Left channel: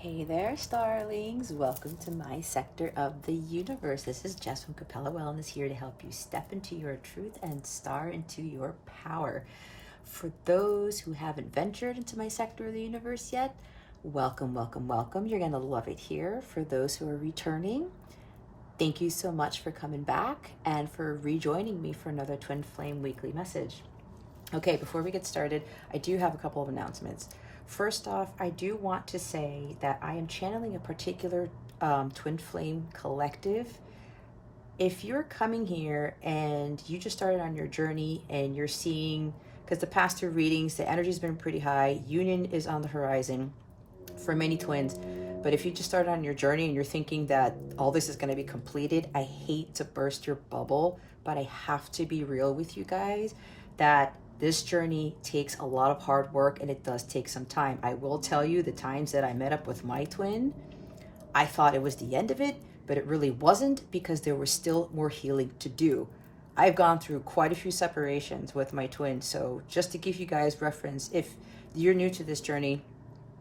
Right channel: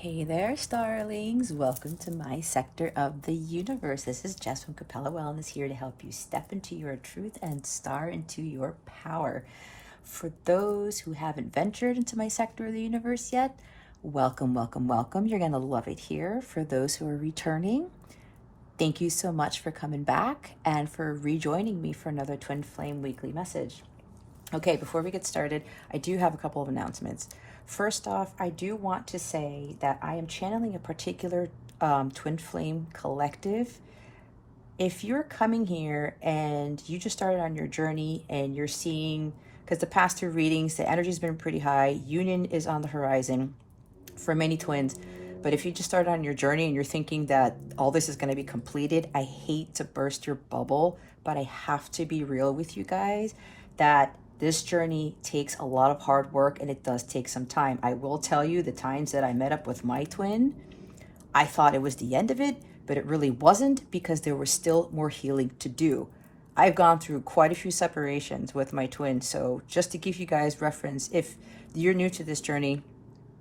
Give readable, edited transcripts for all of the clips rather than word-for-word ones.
Hey there, starlings. Welcome to my sector of the universe. This is Jess from Capella Wellness here to help you step into your truth and star into your power. For those who haven't ventured into my sector of the universe yet, welcome, welcome, welcome. You're going to love it here. For those who are returning, thank you so much for coming back and for rejoining me for another Twin Flame Weekly message. Okay, before we get started, I do have a couple of announcements. First off, I do want to say that I am channeling a particular Twin Flame collective. If you're coming here and you just started on your journey and you're seeing, because the past two readings, the energy's been pretty high, union is on the horizon for many twins. But if you just started on your journey and you're thinking that all this is going to be completed, I hate to burst your bubble, but I have to be real with you guys that this journey takes a lot of hard work and it does take some time. I will tell you, the times that I met up with my twin, I thought it was the end of it, but it really wasn't, because there was still more healing to do. I've gone through quite a few separations with my twin. So just to give you guys reference, if you're new to this journey,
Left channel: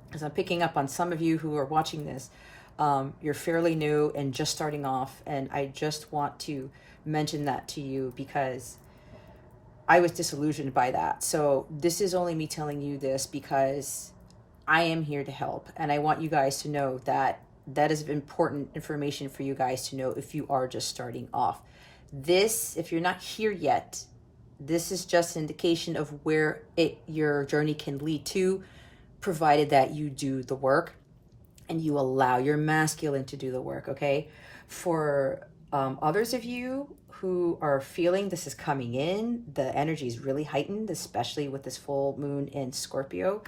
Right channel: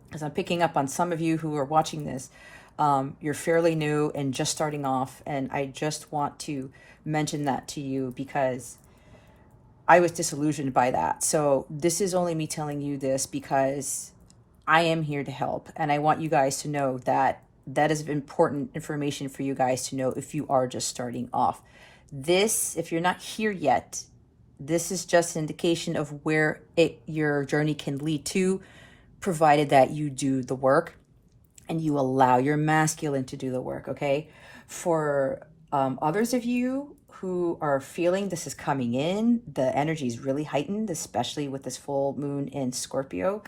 because I'm picking up on some of you who are watching this, you're fairly new and just starting off. And I just want to mention that to you because I was disillusioned by that. So this is only me telling you this because I am here to help. And I want you guys to know that that is important information for you guys to know if you are just starting off. This, if you're not here yet, this is just an indication of where your journey can lead to, provided that you do the work and you allow your masculine to do the work, okay? For others of you who are feeling this is coming in, the energy is really heightened, especially with this full moon in Scorpio.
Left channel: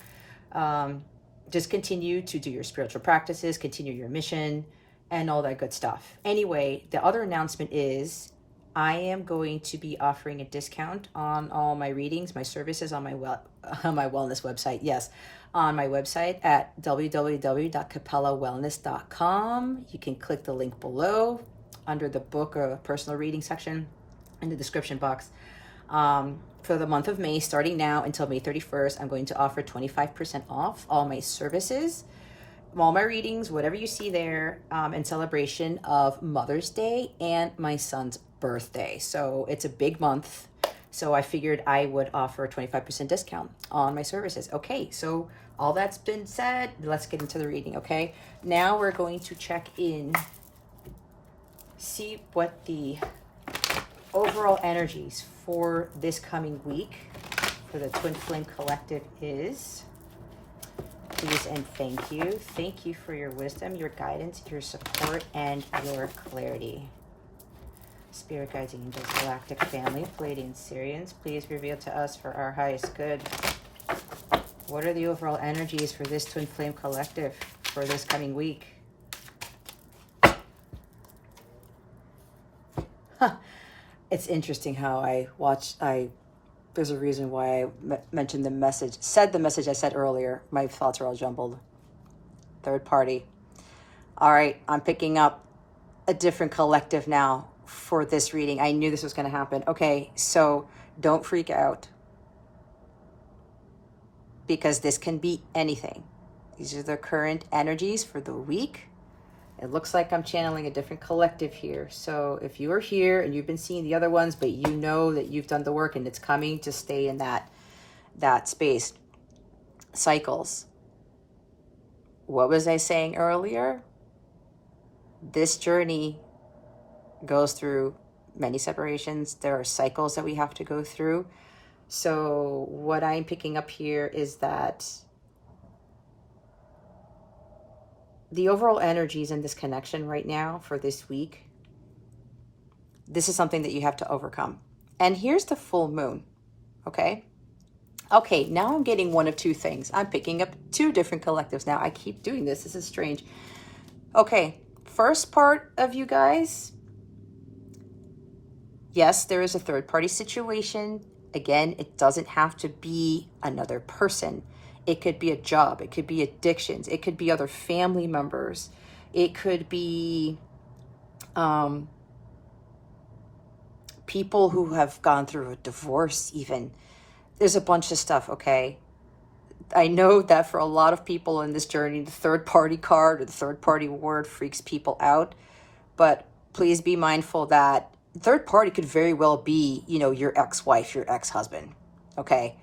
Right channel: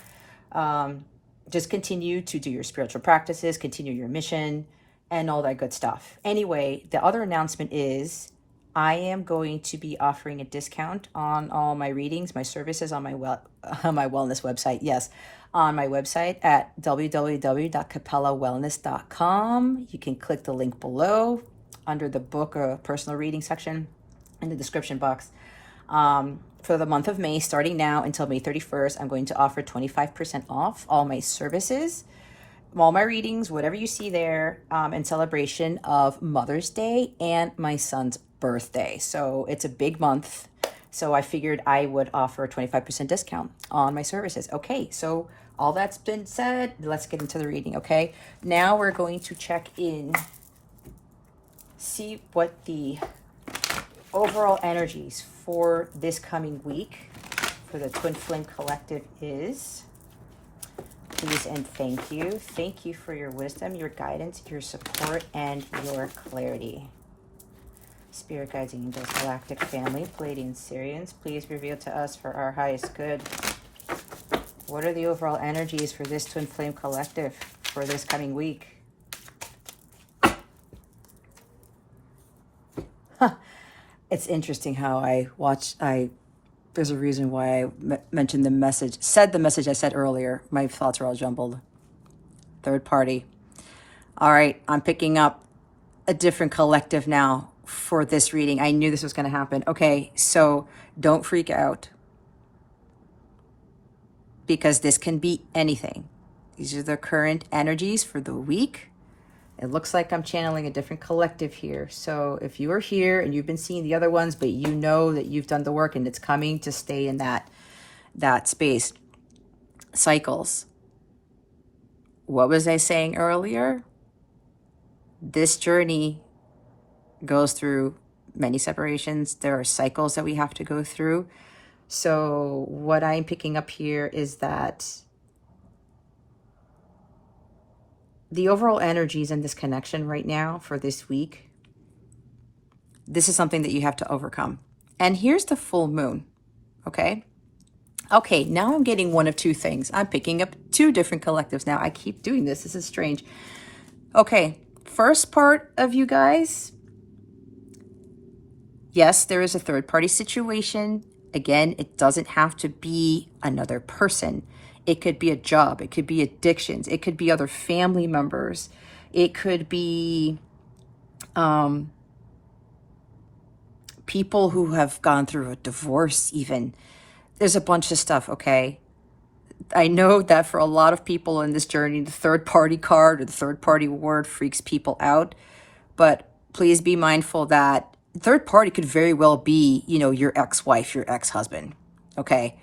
Just continue to do your spiritual practices, continue your mission, and all that good stuff. Anyway, the other announcement is I am going to be offering a discount on all my readings, my services on my wellness website. Yes, on my website at www.capellawellness.com. You can click the link below under the book or personal reading section in the description box. For the month of May, starting now until May 31st, I'm going to offer 25% off all my services, all my readings, whatever you see there, in celebration of Mother's Day and my son's birthday. So it's a big month. So I figured I would offer a 25% discount on my services. Okay, so all that's been said, let's get into the reading, okay? Now we're going to check in, see what the overall energies for this coming week for the Twin Flame Collective is. Please and thank you. Thank you for your wisdom, your guidance, your support, and your clarity. Spirit guides, angels, galactic family, Pleiadian Syrians, please reveal to us for our highest good. What are the overall energies for this Twin Flame Collective for this coming week? It's interesting how there's a reason why I mentioned said the message I said earlier. My thoughts are all jumbled. Third party. All right, I'm picking up a different collective now for this reading. I knew this was going to happen. Okay, so don't freak out, because this can be anything. These are the current energies for the week. It looks like I'm channeling a different collective here. So if you are here and you've been seeing the other ones, but you know that you've done the work and it's coming to stay in that space. Cycles. What was I saying earlier? This journey goes through many separations. There are cycles that we have to go through. So what I'm picking up here is that the overall energies in this connection right now for this week, this is something that you have to overcome. And here's the full moon, okay? Okay, now I'm getting one of two things. I'm picking up two different collectives now. I keep doing this. This is strange. Okay, first part of you guys, yes, there is a third party situation. Again, it doesn't have to be another person. It could be a job. It could be addictions. It could be other family members. It could be people who have gone through a divorce even. There's a bunch of stuff, okay? I know that for a lot of people in this journey, the third party card or the third party word freaks people out. But please be mindful that third party could very well be, you know, your ex-wife, your ex-husband, okay?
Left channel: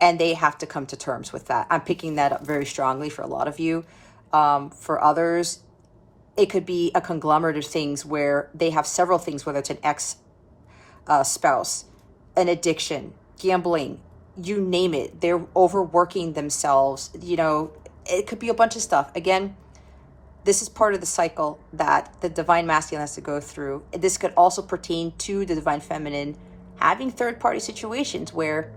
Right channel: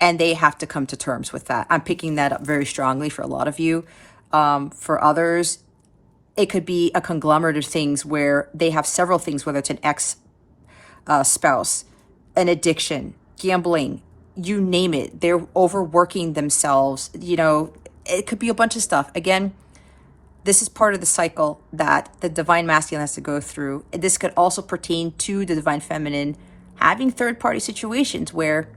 And they have to come to terms with that. I'm picking that up very strongly for a lot of you. For others, it could be a conglomerate of things where they have several things, whether it's an ex-spouse, an addiction, gambling, you name it. They're overworking themselves. You know, it could be a bunch of stuff. Again, this is part of the cycle that the divine masculine has to go through. This could also pertain to the divine feminine having third-party situations where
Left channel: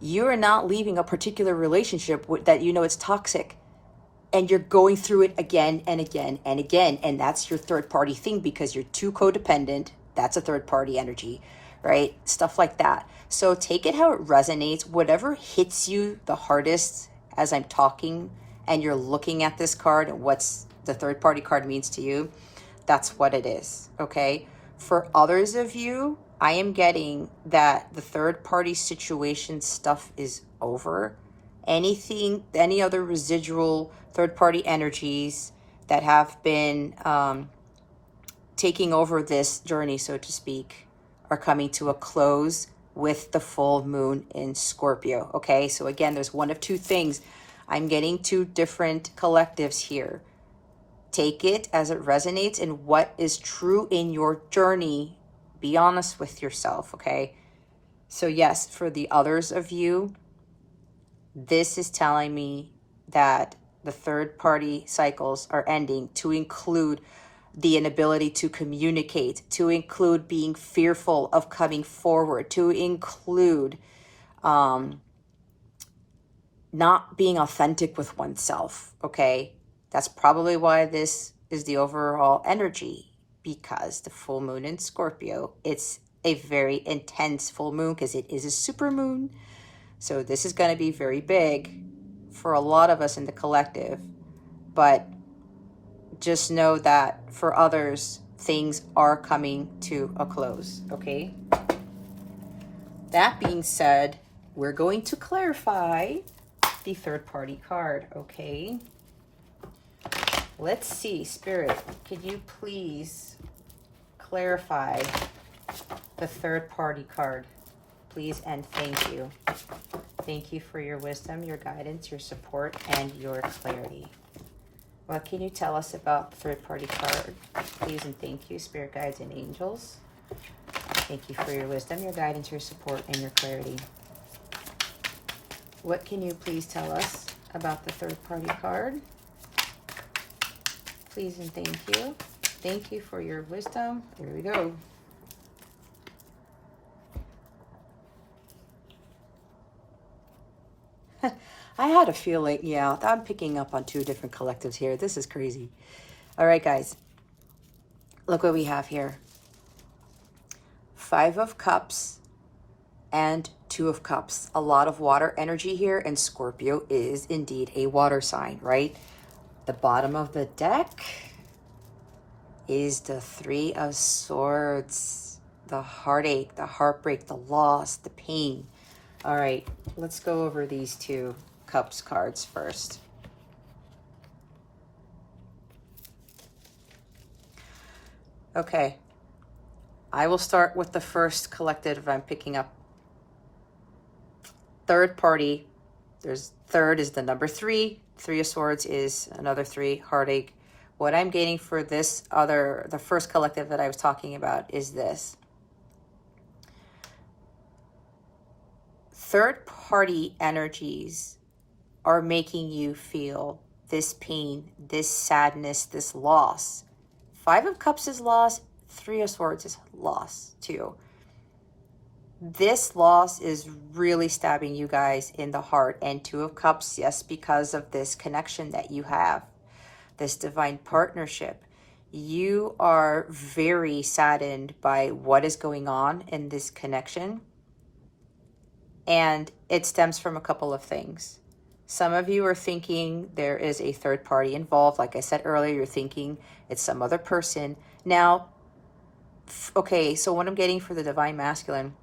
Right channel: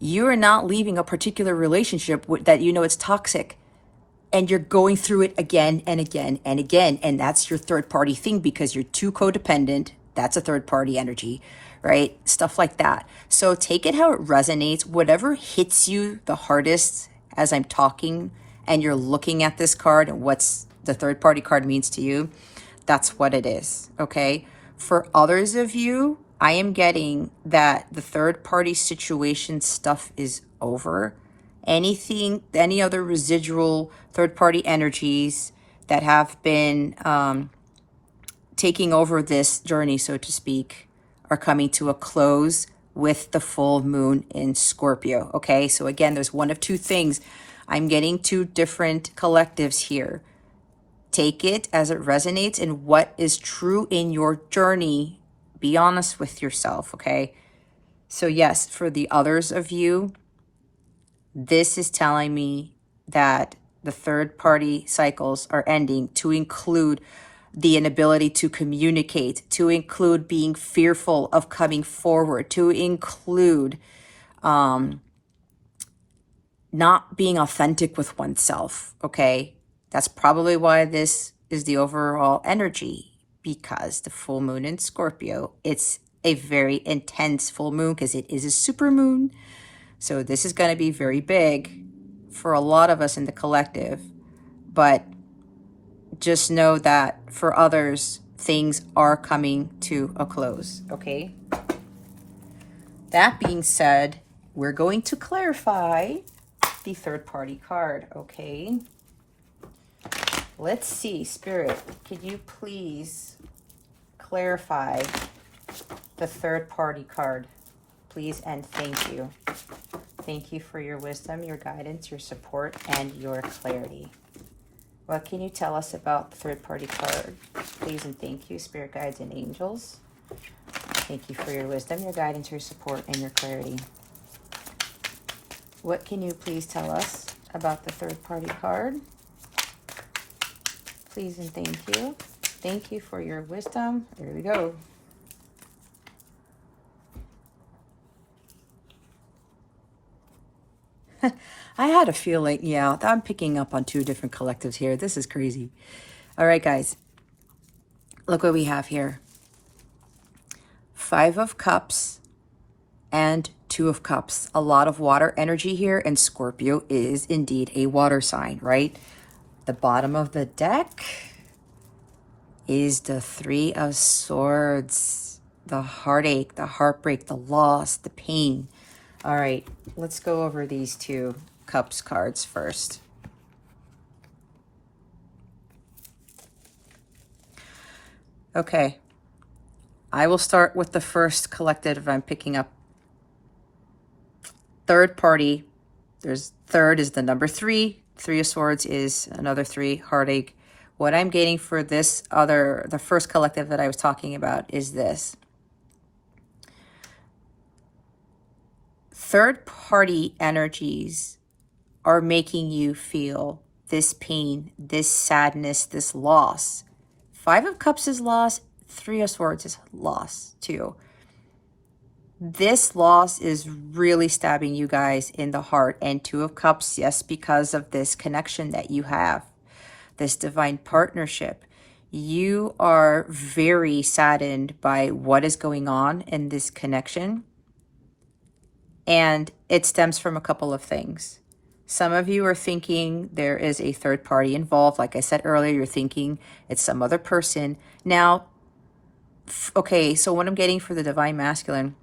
you are not leaving a particular relationship that you know it's toxic, and you're going through it again and again and again. And that's your third party thing because you're too codependent. That's a third party energy, right? Stuff like that. So take it how it resonates. Whatever hits you the hardest as I'm talking and you're looking at this card and what's the third party card means to you, that's what it is, okay? For others of you, I am getting that the third party situation stuff is over. Anything, any other residual third party energies that have been taking over this journey, so to speak, are coming to a close with the full moon in Scorpio, okay? So again, there's one of two things. I'm getting two different collectives here. Take it as it resonates and what is true in your journey. Be honest with yourself, okay? So yes, for the others of you, this is telling me that the third party cycles are ending, to include the inability to communicate, to include being fearful of coming forward, to include not being authentic with oneself, okay? That's probably why this is the overall energy, because the full moon in Scorpio, it's a very intense full moon because it is a super moon. So this is going to be very big for a lot of us in the collective, but just know that for others, things are coming to a close, okay? That being said, we're going to clarify the third party card, okay? Let's see, Spirit, could you please clarify the third party card, please, and thank you. Thank you for your wisdom, your guidance, your support, and your clarity. What can you tell us about the third party card? Please and thank you, spirit guides and angels. Thank you for your wisdom, your guidance, your support, and your clarity. What can you please tell us about the third party card? Please and thank you. Thank you for your wisdom. Here we go. I had a feeling, yeah, I'm picking up on two different collectives here. This is crazy. All right, guys, look what we have here. 5 of Cups and 2 of Cups. A lot of water energy here, and Scorpio is indeed a water sign, right? The bottom of the deck is the 3 of Swords. The heartache, the heartbreak, the loss, the pain. All right, let's go over these 2 Cups cards first. Okay, I will start with the first collective I'm picking up. Third party, third is the number 3. 3 of Swords is another 3, heartache. What I'm getting for the first collective that I was talking about is this. Third party energies are making you feel this pain, this sadness, this loss. 5 of Cups is loss. 3 of Swords is loss too. This loss is really stabbing you guys in the heart. And 2 of Cups, yes, because of this connection that you have, this divine partnership. You are very saddened by what is going on in this connection. And it stems from a couple of things. Some of you are thinking there is a third party involved. Like I said earlier, you're thinking it's some other person. Now, okay, so what I'm getting for the divine masculine,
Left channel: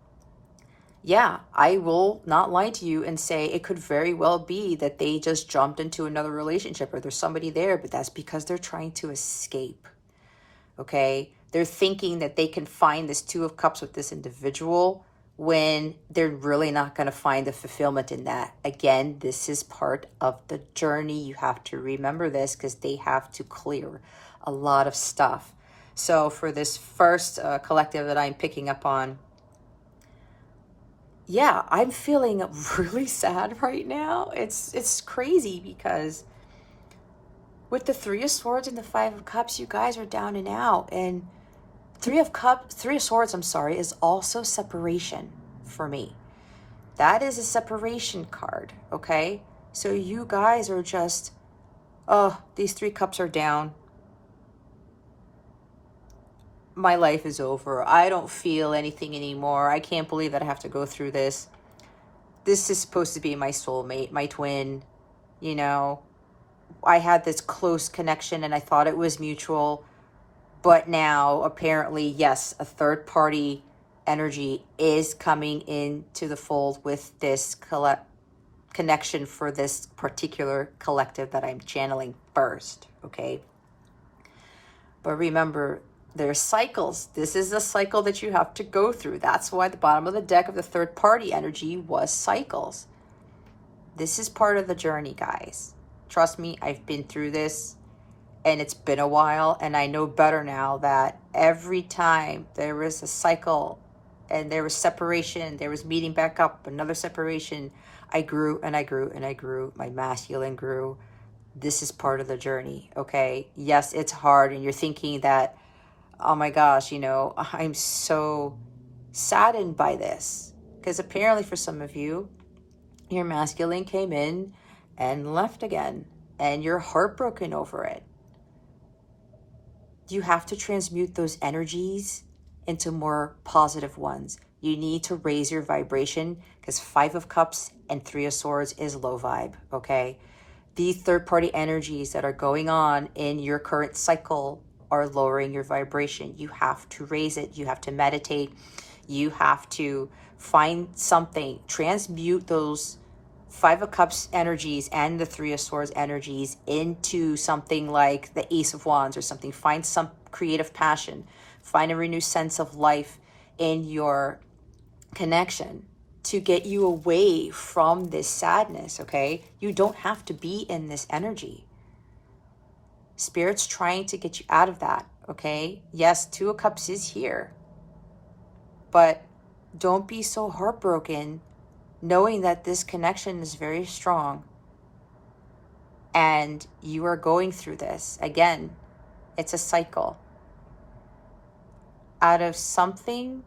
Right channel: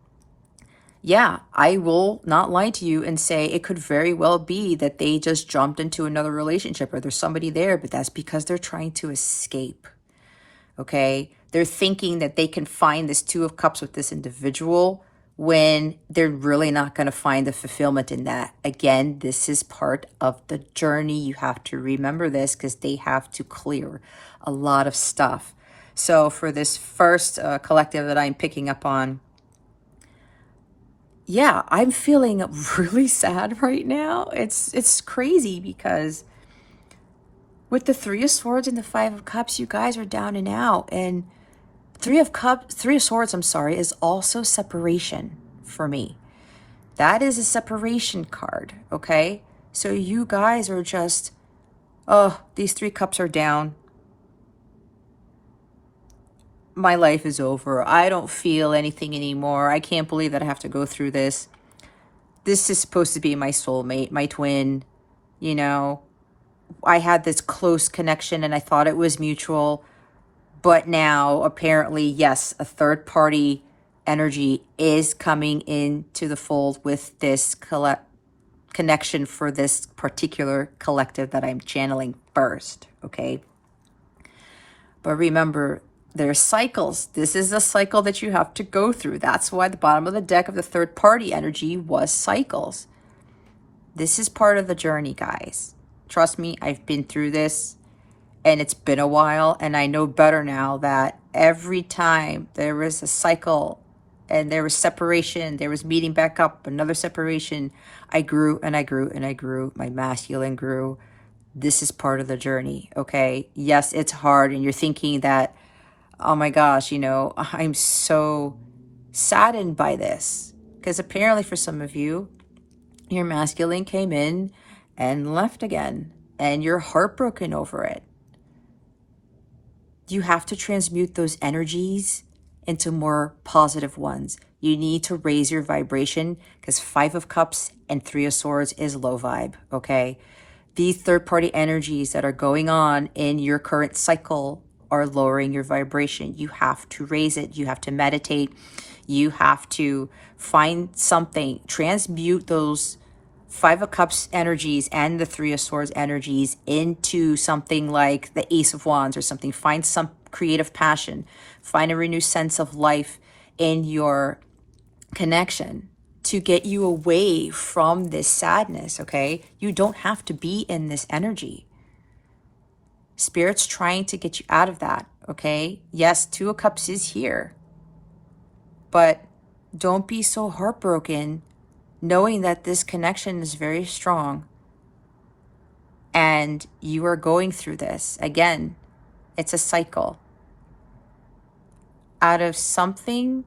yeah, I will not lie to you and say it could very well be that they just jumped into another relationship or there's somebody there, but that's because they're trying to escape. Okay? They're thinking that they can find this Two of Cups with this individual when they're really not going to find the fulfillment in that. Again, this is part of the journey. You have to remember this because they have to clear a lot of stuff. So for this first collective that I'm picking up on, yeah, I'm feeling really sad right now. It's crazy because with the Three of Swords and the Five of Cups, you guys are down and out. And Three of Swords, I'm sorry, is also separation for me. That is a separation card, okay? So you guys are just, oh, these three cups are down. My life is over. I don't feel anything anymore. I can't believe that I have to go through this. This is supposed to be my soulmate, my twin, you know. I had this close connection and I thought it was mutual. But now, apparently, yes, a third party energy is coming into the fold with this connection for this particular collective that I'm channeling first, okay? But remember, there's cycles. This is a cycle that you have to go through. That's why the bottom of the deck of the third party energy was cycles. This is part of the journey, guys. Trust me, I've been through this. And it's been a while, and I know better now that every time there was a cycle and there was separation, there was meeting back up, another separation, I grew and I grew and I grew. My masculine grew. This is part of the journey, okay? Yes, it's hard, and you're thinking that, oh my gosh, you know, I'm so saddened by this. Because apparently for some of you, your masculine came in and left again, and you're heartbroken over it. You have to transmute those energies into more positive ones. You need to raise your vibration because Five of Cups and Three of Swords is low vibe, okay? These third-party energies that are going on in your current cycle are lowering your vibration. You have to raise it. You have to meditate. You have to find something, transmute those Five of Cups energies and the Three of Swords energies into something like the Ace of Wands or something. Find some creative passion. Find a renewed sense of life in your connection to get you away from this sadness, okay? You don't have to be in this energy. Spirit's trying to get you out of that, okay? Yes, Two of Cups is here, but don't be so heartbroken knowing that this connection is very strong and you are going through this. Again, it's a cycle. Out of something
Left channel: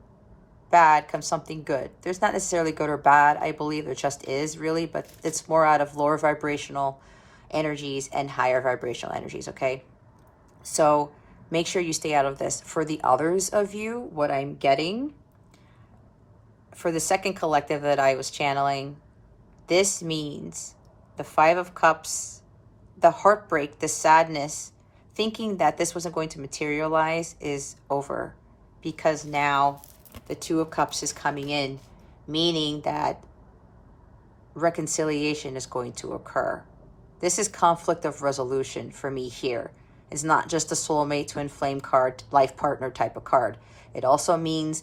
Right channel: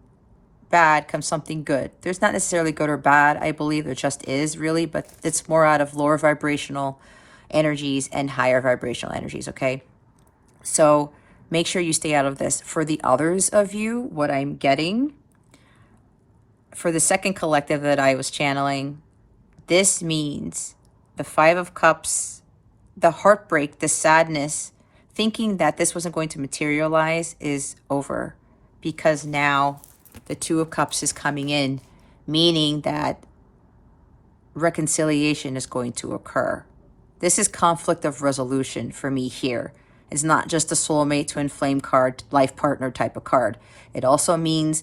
bad comes something good. There's not necessarily good or bad. I believe there just is really, but it's more out of lower vibrational energies and higher vibrational energies, okay? So make sure you stay out of this. For the others of you, what I'm getting for the second collective that I was channeling, this means the Five of Cups, the heartbreak, the sadness, thinking that this wasn't going to materialize is over because now the Two of Cups is coming in, meaning that reconciliation is going to occur. This is conflict of resolution for me here. It's not just a soulmate, twin flame card, life partner type of card. It also means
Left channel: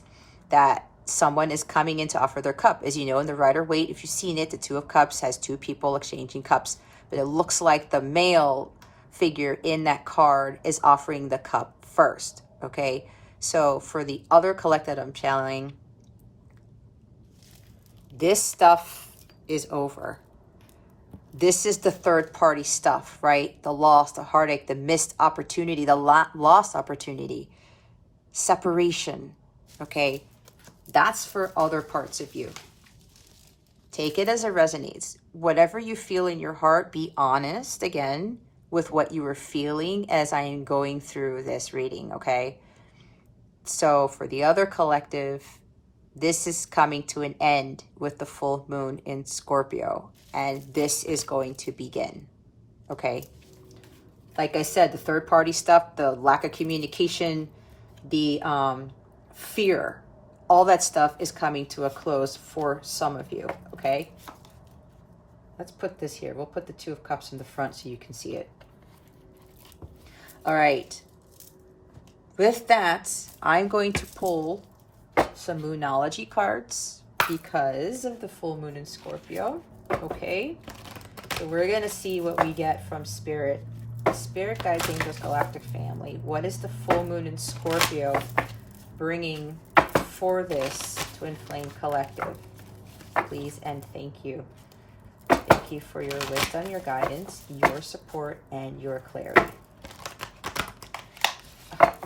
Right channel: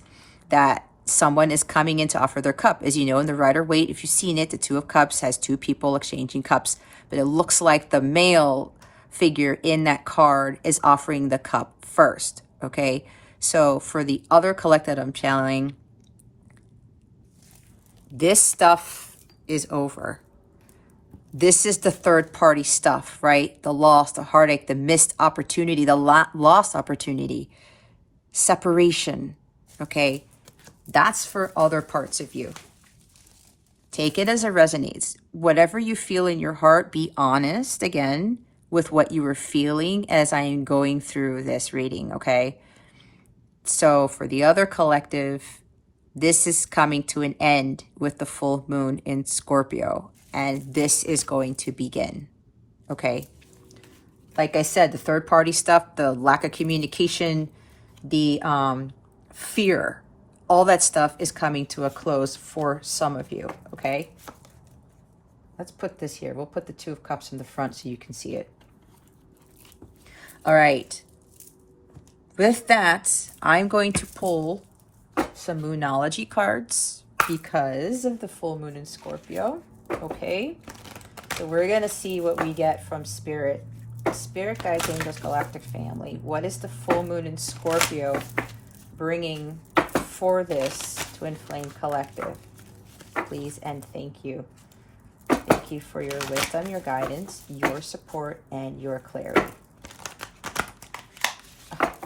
that someone is coming in to offer their cup. As you know, in the Rider-Waite, if you've seen it, the Two of Cups has two people exchanging cups, but it looks like the male figure in that card is offering the cup first, okay? So for the other collective I'm channeling, this stuff is over. This is the third party stuff, right? The loss, the heartache, the missed opportunity, the lost opportunity, separation, okay? That's for other parts of you. Take it as it resonates. Whatever you feel in your heart, be honest, again, with what you were feeling as I am going through this reading, okay? So for the other collective, this is coming to an end with the full moon in Scorpio, and this is going to begin, okay? Like I said, the third party stuff, the lack of communication, the fear all that stuff is coming to a close for some of you, okay? Let's put this here. We'll put the Two of Cups in the front so you can see it. All right. With that, I'm going to pull some Moonology cards because of the full moon in Scorpio, okay? So we're going to see what we get from Spirit. Spirit Guides, Angels, Galactic Family. What is the full moon in Scorpio bringing for this Twin Flame Collective? Please and thank you. Thank you for your wisdom, your guidance, your support, and your clarity.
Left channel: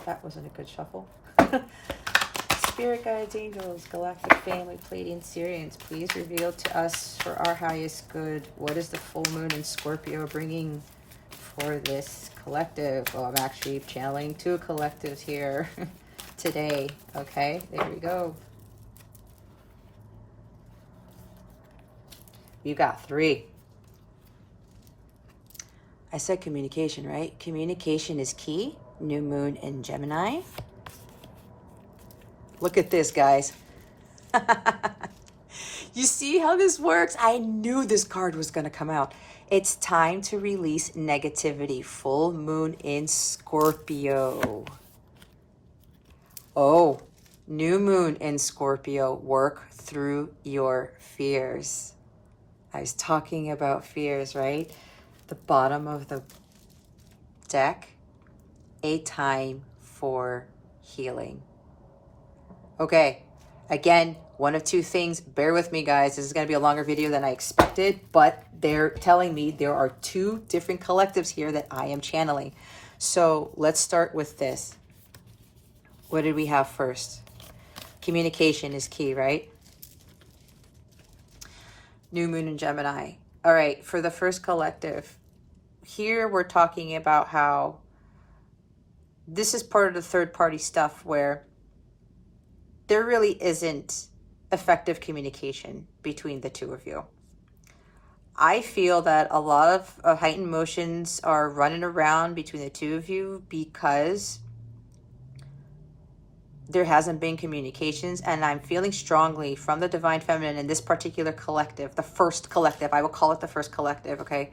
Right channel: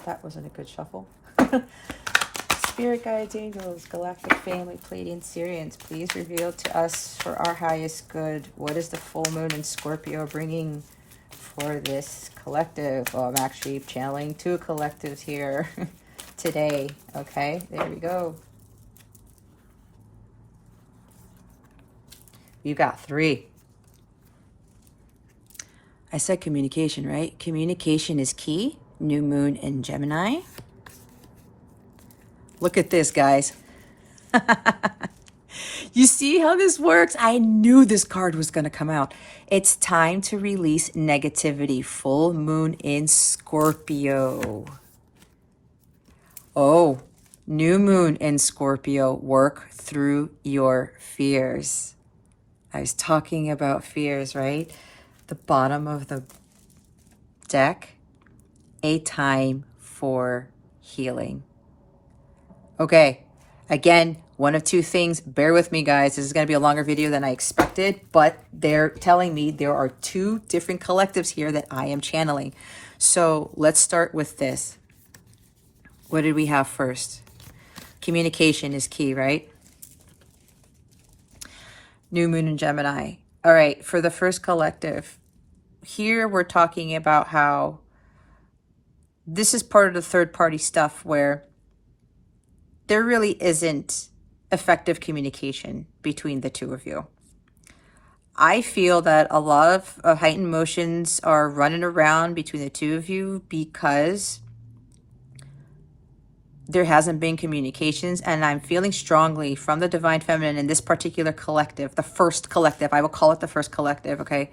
That wasn't a good shuffle. Spirit Guides, Angels, Galactic Family, Pleiadian, Sirians, please reveal to us for our highest good, what is the full moon in Scorpio bringing for this collective? Oh, I'm actually channeling two collectives here today. Okay, there we go. You got 3. I said communication, right? Communication is key. New moon in Gemini. Look at this, guys. You see how this works? I knew this card was going to come out. It's time to release negativity. Full moon in Scorpio. Oh, new moon in Scorpio. Work through your fears. I was talking about fears, right? The bottom of the deck. A time for healing. Okay, again, one of two things. Bear with me, guys. This is going to be a longer video than I expected, but they're telling me there are 2 different collectives here that I am channeling. So let's start with this. What did we have first? Communication is key, right? New moon in Gemini. All right, for the first collective, here we're talking about how this is part of the third-party stuff where there really isn't effective communication between the two of you. I feel that a lot of heightened emotions are running around between the two of you because there hasn't been communications, and I'm feeling strongly from the Divine Feminine in this particular collective, the first collective, I will call it the first collective, okay,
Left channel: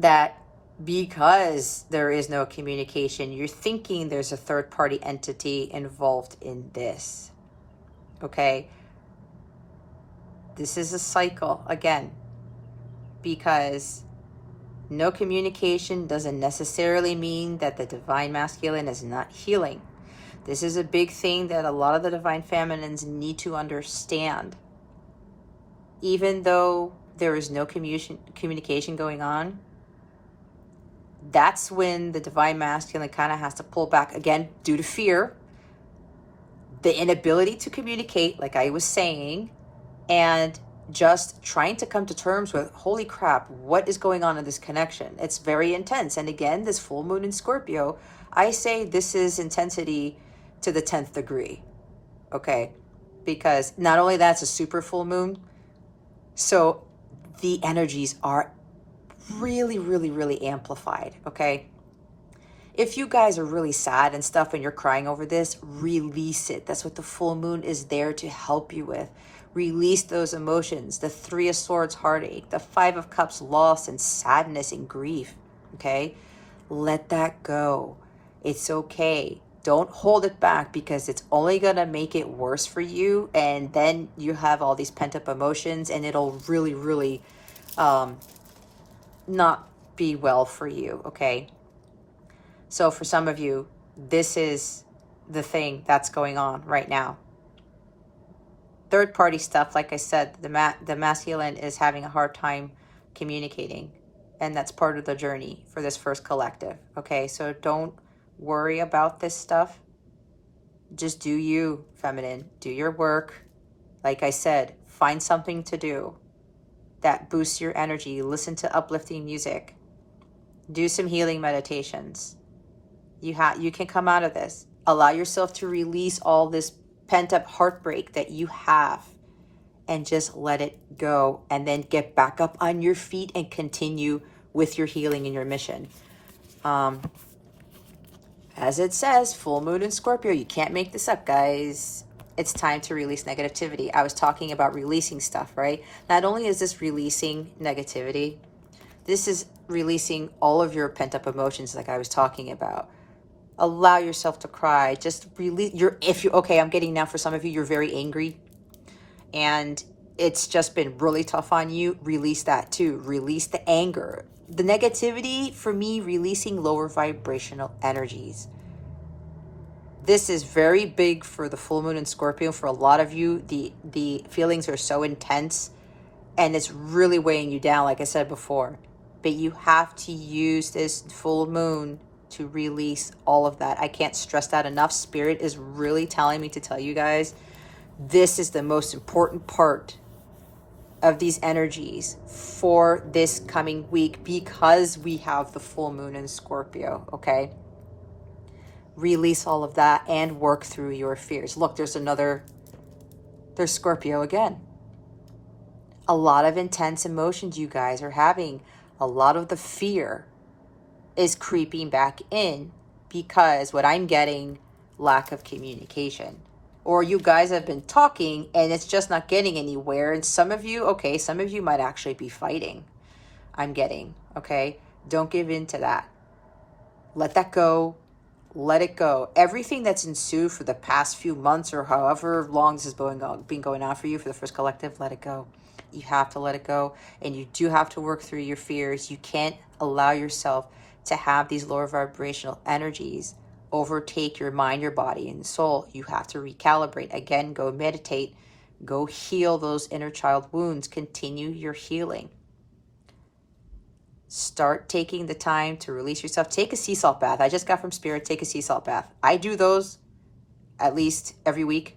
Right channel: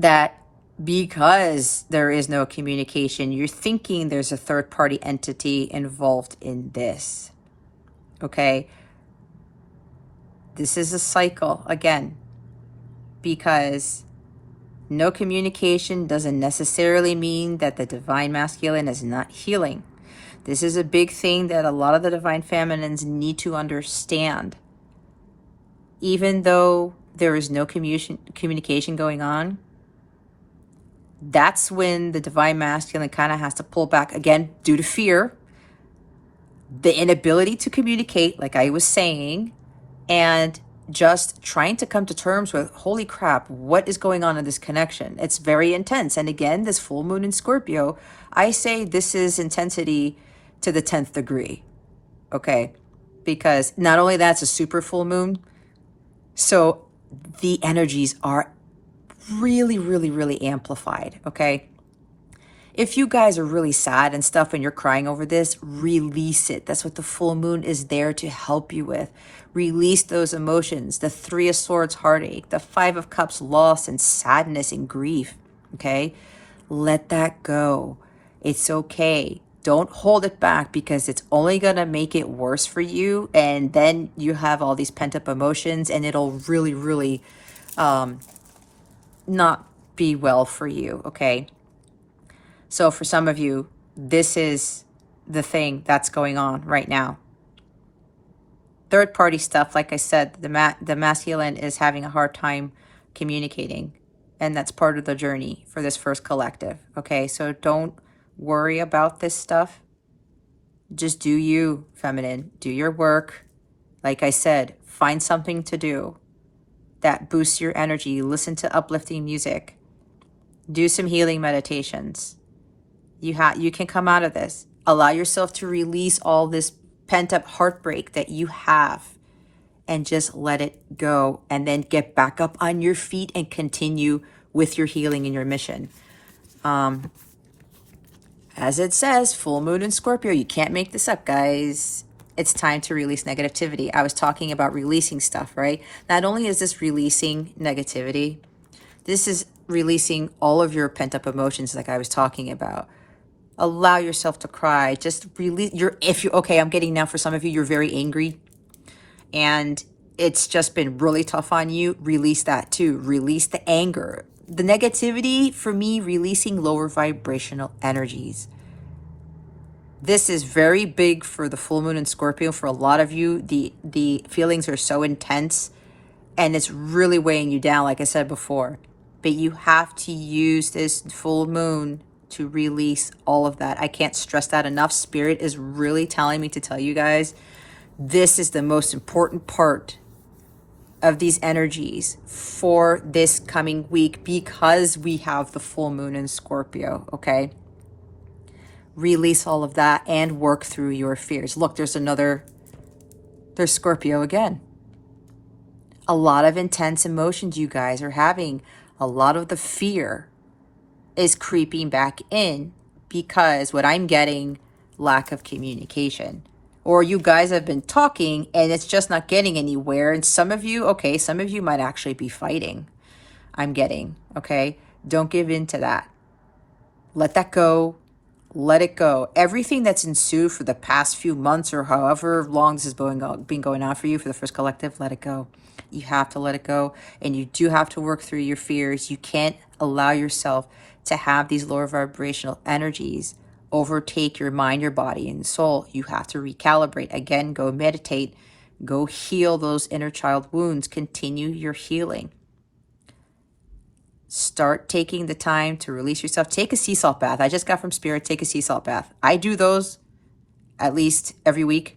that because there is no communication, you're thinking there's a third-party entity involved in this, okay? This is a cycle, again, because no communication doesn't necessarily mean that the Divine Masculine is not healing. This is a big thing that a lot of the Divine Feminines need to understand. Even though there is no communication going on, that's when the Divine Masculine kind of has to pull back, again, due to fear, the inability to communicate, like I was saying, and just trying to come to terms with, holy crap, what is going on in this connection? It's very intense. And again, this full moon in Scorpio, I say this is intensity to the 10th degree, okay? Because not only that's a super full moon, so the energies are really, really, really amplified, okay? If you guys are really sad and stuff and you're crying over this, release it. That's what the full moon is there to help you with. Release those emotions. The 3 of Swords, heartache. The 5 of Cups, loss and sadness and grief, okay? Let that go. It's okay. Don't hold it back because it's only going to make it worse for you. And then you have all these pent-up emotions and it'll really, really not be well for you, okay? So for some of you, this is the thing that's going on right now. Third party stuff, like I said, the masculine is having a hard time communicating, and that's part of the journey for this first collective, okay? So don't worry about this stuff. Just do you, feminine. Do your work. Like I said, find something to do that boosts your energy. Listen to uplifting music. Do some healing meditations. You can come out of this. Allow yourself to release all this pent-up heartbreak that you have and just let it go, and then get back up on your feet and continue with your healing and your mission. As it says, full moon in Scorpio. You can't make this up, guys. It's time to release negativity. I was talking about releasing stuff, right? Not only is this releasing negativity, this is releasing all of your pent-up emotions like I was talking about. Allow yourself to cry. Just release okay, I'm getting now for some of you, you're very angry and it's just been really tough on you. Release that too. Release the anger. The negativity, for me, releasing lower vibrational energies. This is very big for the full moon in Scorpio. For a lot of you, the feelings are so intense and it's really weighing you down, like I said before. But you have to use this full moon to release all of that. I can't stress that enough. Spirit is really telling me to tell you guys, this is the most important part of these energies for this coming week because we have the full moon in Scorpio, okay? Release all of that and work through your fears. Look, there's Scorpio again. A lot of intense emotions you guys are having. A lot of the fear is creeping back in because what I'm getting, lack of communication. Or you guys have been talking and it's just not getting anywhere. And some of you, okay, some of you might actually be fighting. I'm getting, okay? Don't give in to that. Let that go. Let it go. Everything that's ensued for the past few months or however long this has been going on for you for the first collective, let it go. You have to let it go. And you do have to work through your fears. You can't allow yourself to have these lower vibrational energies overtake your mind, your body, and soul. You have to recalibrate. Again, go meditate. Go heal those inner child wounds. Continue your healing. Start taking the time to release yourself. Take a sea salt bath. I just got from Spirit, take a sea salt bath. I do those at least every week.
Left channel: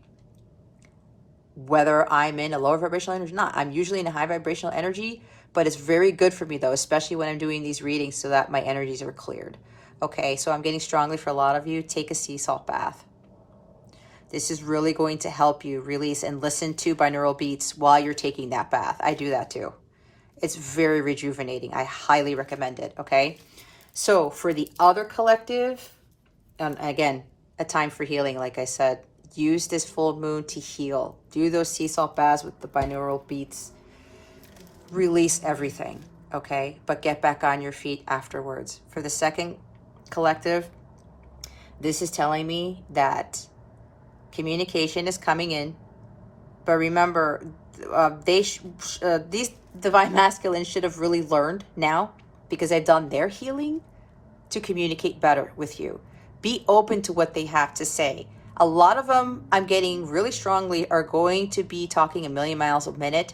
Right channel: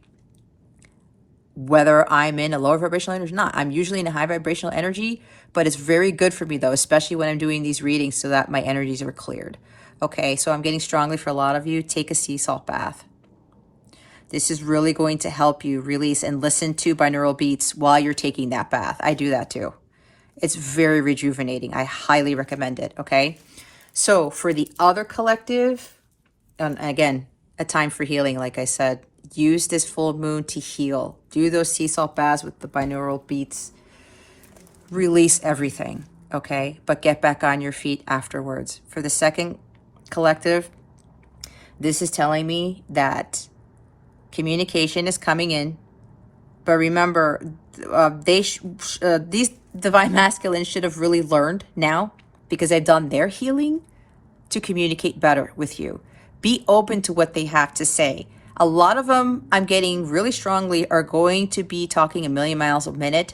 Whether I'm in a lower vibrational energy or not. I'm usually in a high vibrational energy, but it's very good for me though, especially when I'm doing these readings so that my energies are cleared. Okay, so I'm getting strongly for a lot of you. Take a sea salt bath. This is really going to help you release and listen to binaural beats while you're taking that bath. I do that too. It's very rejuvenating. I highly recommend it, okay? So for the other collective, and again, a time for healing, like I said, use this full moon to heal. Do those sea salt baths with the binaural beats. Release everything, okay? But get back on your feet afterwards. For the second collective, this is telling me that communication is coming in. But remember, these divine masculines should have really learned now, because they've done their healing, to communicate better with you. Be open to what they have to say. A lot of them, I'm getting really strongly, are going to be talking a million miles a minute.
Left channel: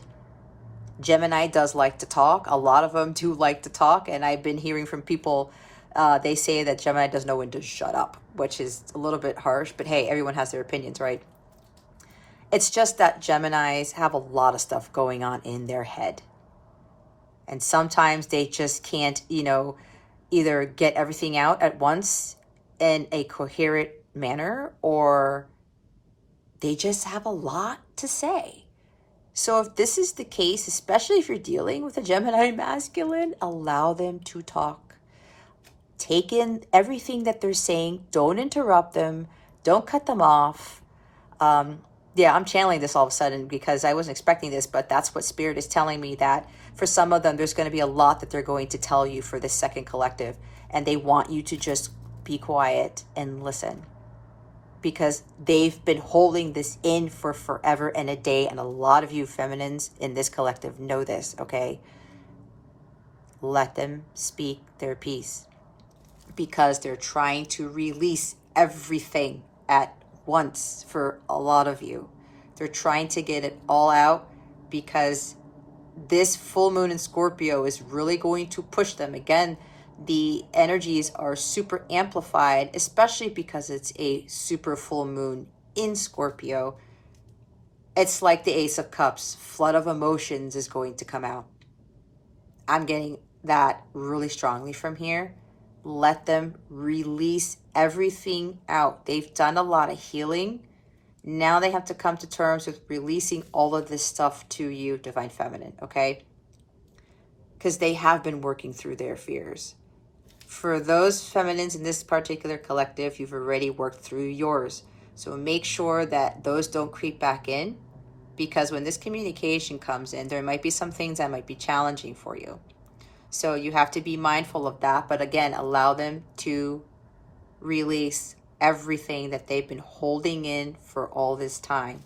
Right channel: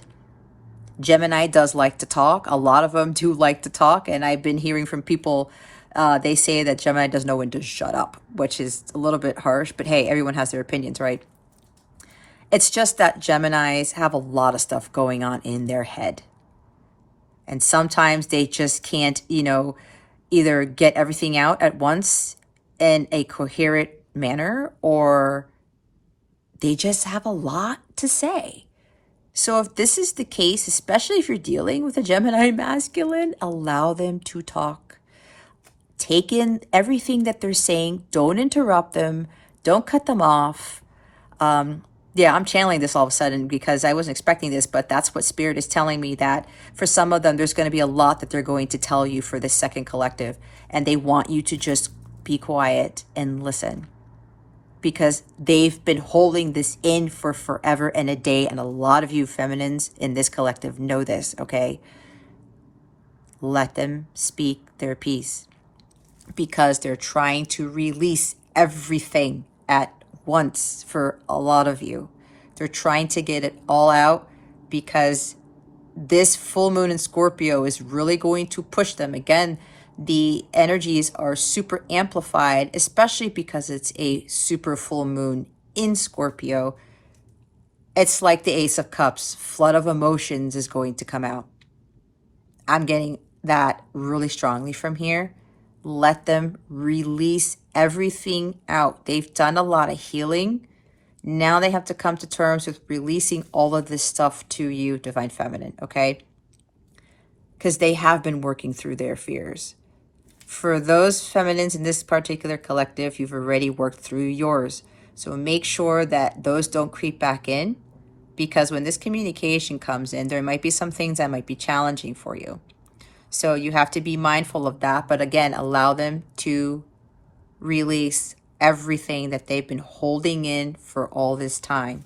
Gemini does like to talk. A lot of them do like to talk. And I've been hearing from people, they say that Gemini doesn't know when to shut up, which is a little bit harsh. But hey, everyone has their opinions, right? It's just that Geminis have a lot of stuff going on in their head. And sometimes they just can't, either get everything out at once in a coherent manner, or they just have a lot to say. So if this is the case, especially if you're dealing with a Gemini masculine, allow them to talk. Take in everything that they're saying. Don't interrupt them. Don't cut them off. Yeah, I'm channeling this all of a sudden because I wasn't expecting this, but that's what Spirit is telling me, that for some of them, there's going to be a lot that they're going to tell you for this second collective. And they want you to just be quiet and listen, because they've been holding this in for forever and a day. And a lot of you feminines in this collective know this, okay? Let them speak their piece, because they're trying to release everything at once. For a lot of you, they're trying to get it all out, because this full moon in Scorpio is really going to push them. Again, the energies are super amplified, especially because it's a super full moon in Scorpio. It's like the Ace of Cups. Flood of emotions is going to come out. I'm getting that really strongly from here. Let them release everything out. They've done a lot of healing. Now they have to come to terms with releasing all of this stuff to you, Divine Feminine, okay? Because they have been working through their fears. For those feminines in this particular collective, you've already worked through yours. So make sure that those don't creep back in, because when this communication comes in, there might be some things that might be challenging for you. So you have to be mindful of that. But again, allow them to release everything that they've been holding in for all this time.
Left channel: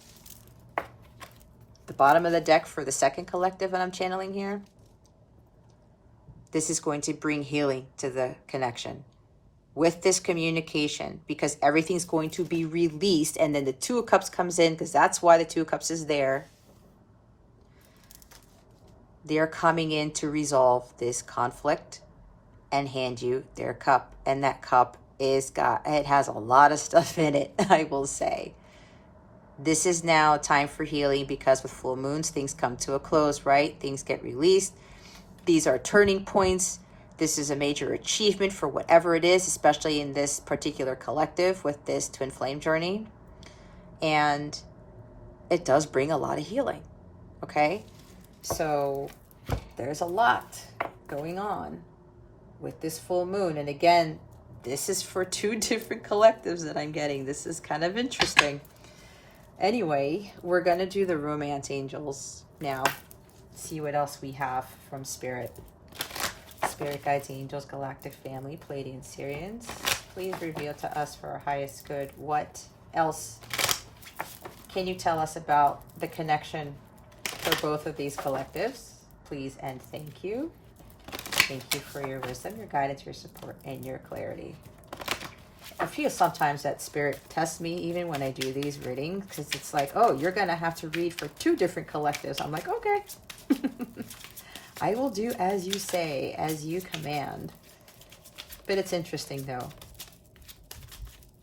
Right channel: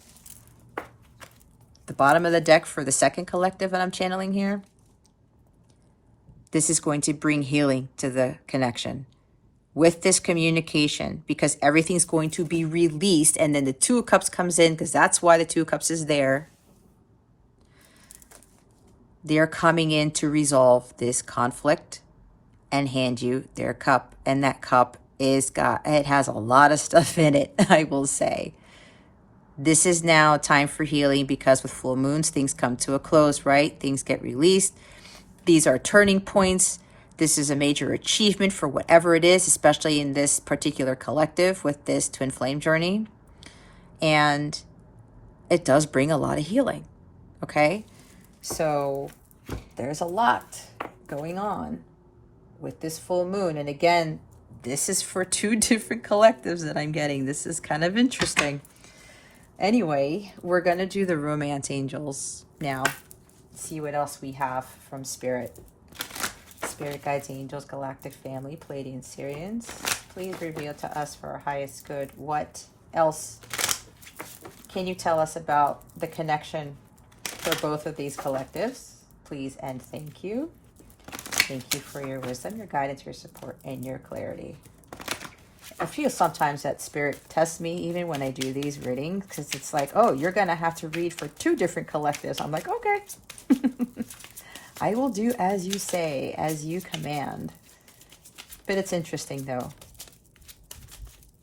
The bottom of the deck for the second collective that I'm channeling here, this is going to bring healing to the connection with this communication, because everything's going to be released. And then the Two of Cups comes in, because that's why the Two of Cups is there. They're coming in to resolve this conflict and hand you their cup. And that cup it has a lot of stuff in it, I will say. This is now time for healing, because with full moons, things come to a close, right? Things get released. These are turning points. This is a major achievement for whatever it is, especially in this particular collective with this twin flame journey. And it does bring a lot of healing, okay? So there's a lot going on with this full moon. And again, this is for two different collectives that I'm getting. This is kind of interesting. Anyway, we're going to do the romance angels now. See what else we have from Spirit. Spirit guides, angels, galactic family, Pleiadian Syrians. Please reveal to us for our highest good. What else can you tell us about the connection for both of these collectives? Please and thank you. Thank you for your wisdom, your guidance, your support, and your clarity. I feel sometimes that Spirit tests me even when I do these readings, because it's like, oh, you're going to have to read for two different collectives. I'm like, okay. I will do as you say, as you command. But it's interesting, though,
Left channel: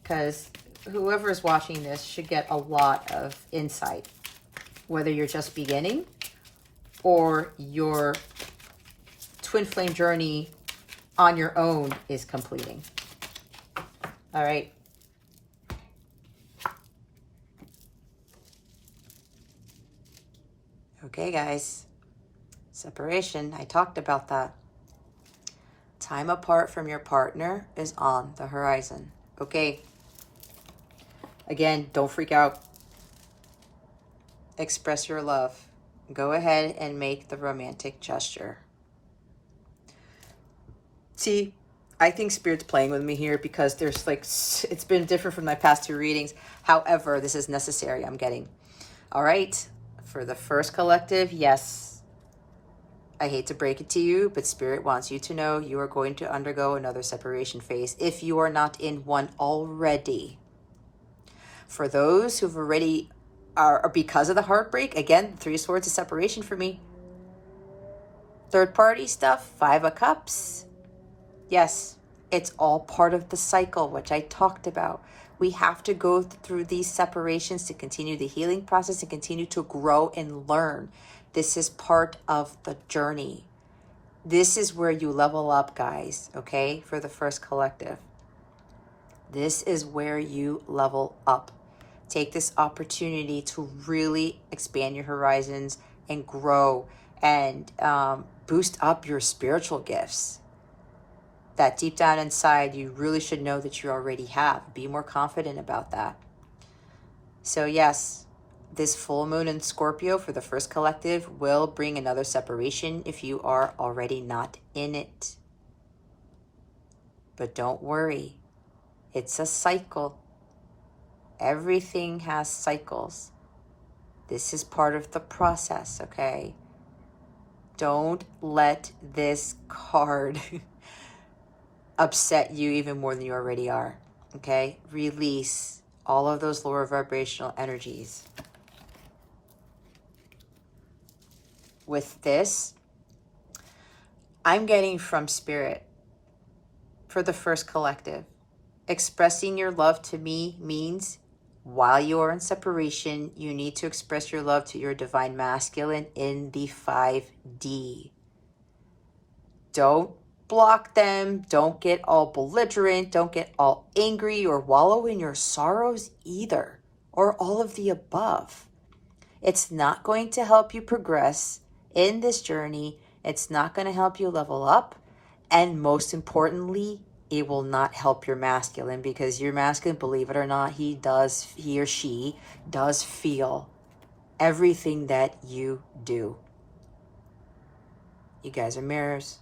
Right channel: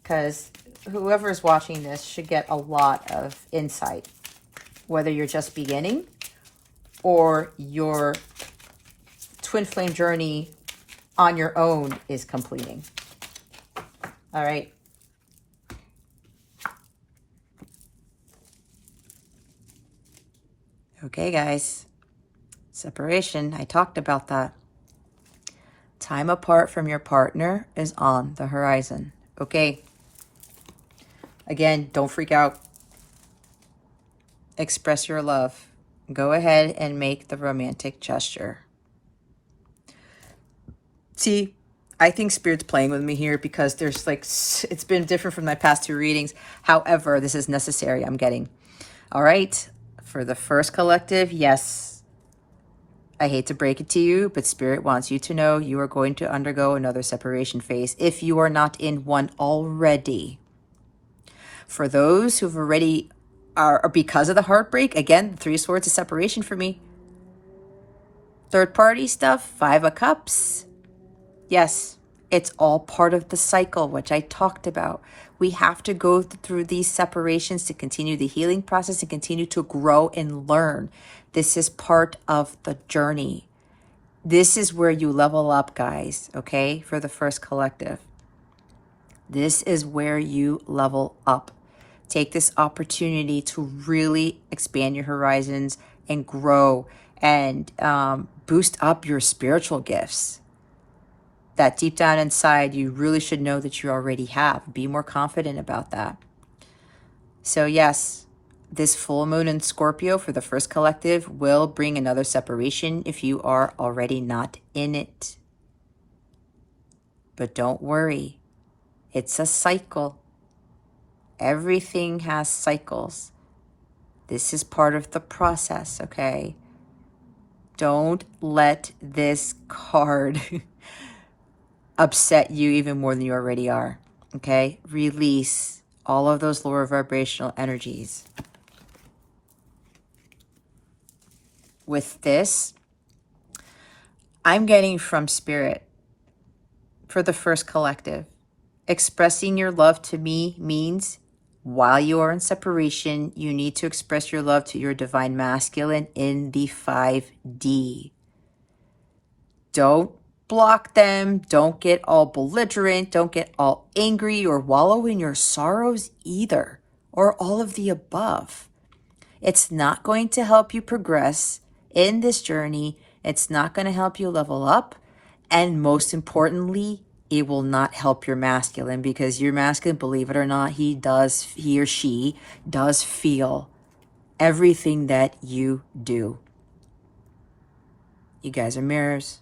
because whoever's watching this should get a lot of insight, whether you're just beginning or your twin flame journey on your own is completing. All right. Okay, guys. Separation, I talked about that. Time apart from your partner is on the horizon. Okay. Again, don't freak out. Express your love. Go ahead and make the romantic gesture. See, I think Spirit's playing with me here, because there's like, it's been different from my past two readings. However, this is necessary, I'm getting. All right. For the first collective, yes. I hate to break it to you, but Spirit wants you to know you are going to undergo another separation phase if you are not in one already. For those who've already are because of the heartbreak, again, the Three of Swords is separation for me. Third party stuff, Five of Cups. Yes, it's all part of the cycle, which I talked about. We have to go through these separations to continue the healing process and continue to grow and learn. This is part of the journey. This is where you level up, guys, okay, for the first collective. This is where you level up. Take this opportunity to really expand your horizons and grow and boost up your spiritual gifts that deep down inside you really should know that you already have. Be more confident about that. So yes, this full moon in Scorpio for the first collective will bring another separation if you are already not in it. But don't worry, it's a cycle. Everything has cycles. This is part of the process, okay? Don't let this card upset you even more than you already are, okay? Release all of those lower vibrational energies. With this, I'm getting from Spirit for the first collective. Expressing your love to me means while you are in separation, you need to express your love to your divine masculine in the 5D. Don't block them. Don't get all belligerent. Don't get all angry or wallow in your sorrows either, or all of the above. It's not going to help you progress in this journey. It's not going to help you level up. And most importantly, it will not help your masculine, because your masculine, believe it or not, he or she does feel everything that you do. You guys are mirrors.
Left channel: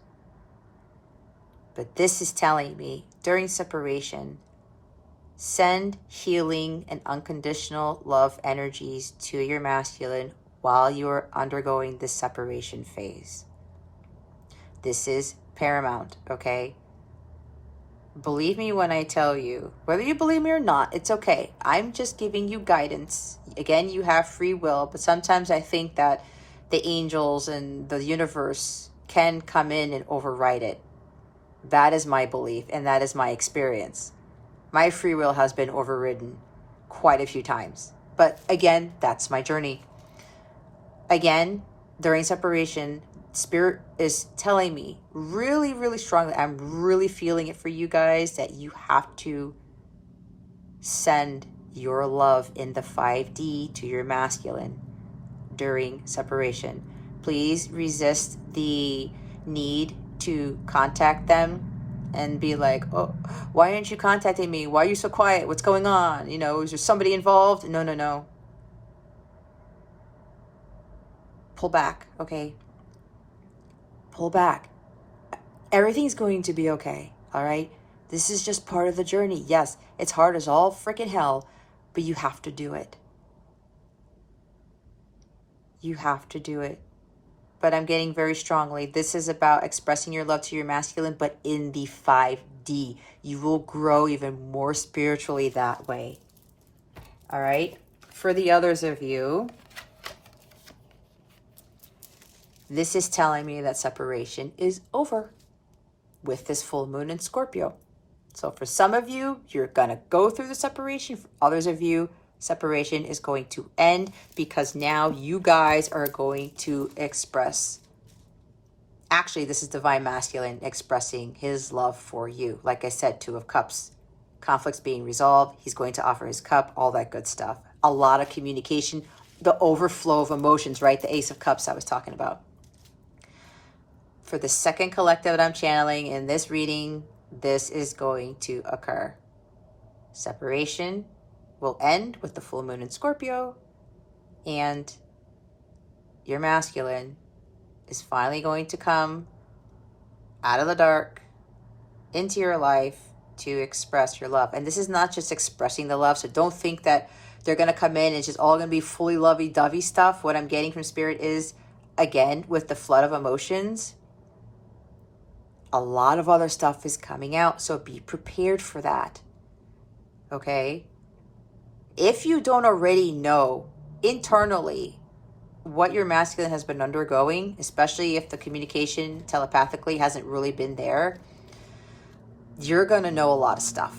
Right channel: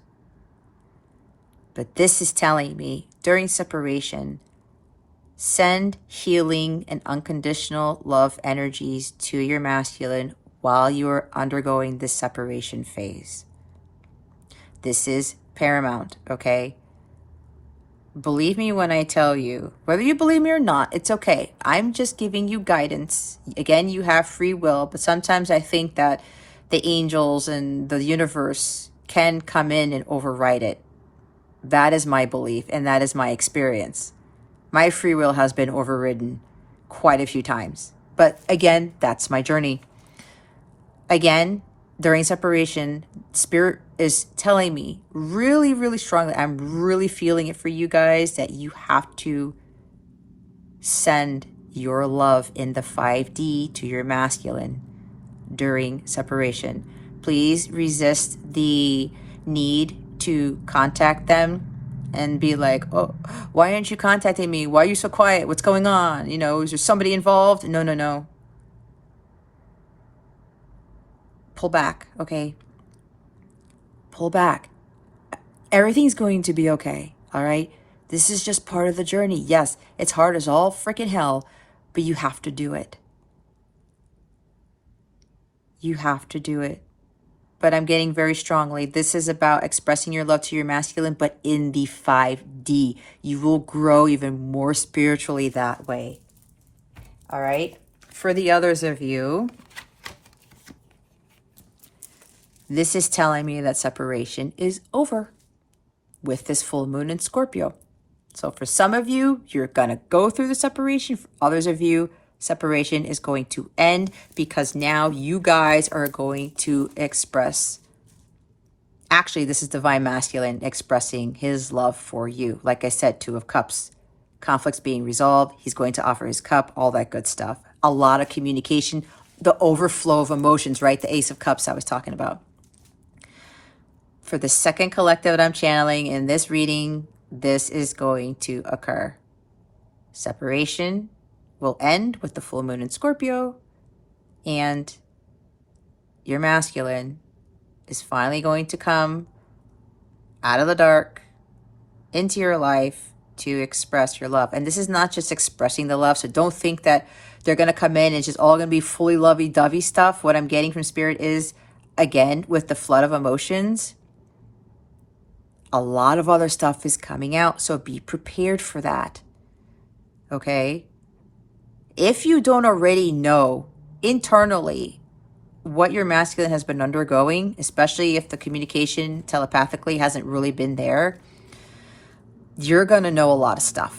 But this is telling me during separation, send healing and unconditional love energies to your masculine while you are undergoing this separation phase. This is paramount, okay? Believe me when I tell you, whether you believe me or not, it's okay. I'm just giving you guidance. Again, you have free will, but sometimes I think that the angels and the universe can come in and override it. That is my belief, and that is my experience. My free will has been overridden quite a few times. But again, that's my journey. Again, during separation, Spirit is telling me really, really strongly, I'm really feeling it for you guys, that you have to send your love in the 5D to your masculine during separation. Please resist the need to contact them and be like, oh, why aren't you contacting me? Why are you so quiet? What's going on? You know, is there somebody involved? No, no, no. Pull back, okay? Pull back. Everything's going to be okay, all right? This is just part of the journey. Yes, it's hard as all freaking hell, but you have to do it. You have to do it. But I'm getting very strongly, this is about expressing your love to your masculine, but in the 5D. You will grow even more spiritually that way. All right? For the others of you, this is telling me that separation is over with this full moon in Scorpio. So for some of you, you're going to go through the separation. For others of you, separation is going to end, because now you guys are going to express, actually this is divine masculine expressing his love for you. Like I said, 2 of Cups, conflicts being resolved, he's going to offer his cup, all that good stuff. A lot of communication, the overflow of emotions, right? The Ace of Cups I was talking about. For the second collective that I'm channeling in this reading, this is going to occur. Separation will end with the full moon in Scorpio, and your masculine is finally going to come out of the dark into your life to express your love. And this is not just expressing the love, so don't think that they're going to come in and it's just all going to be fully lovey-dovey stuff. What I'm getting from Spirit is, again, with the flood of emotions, a lot of other stuff is coming out, so be prepared for that, okay? If you don't already know internally what your masculine has been undergoing, especially if the communication telepathically hasn't really been there, you're going to know a lot of stuff.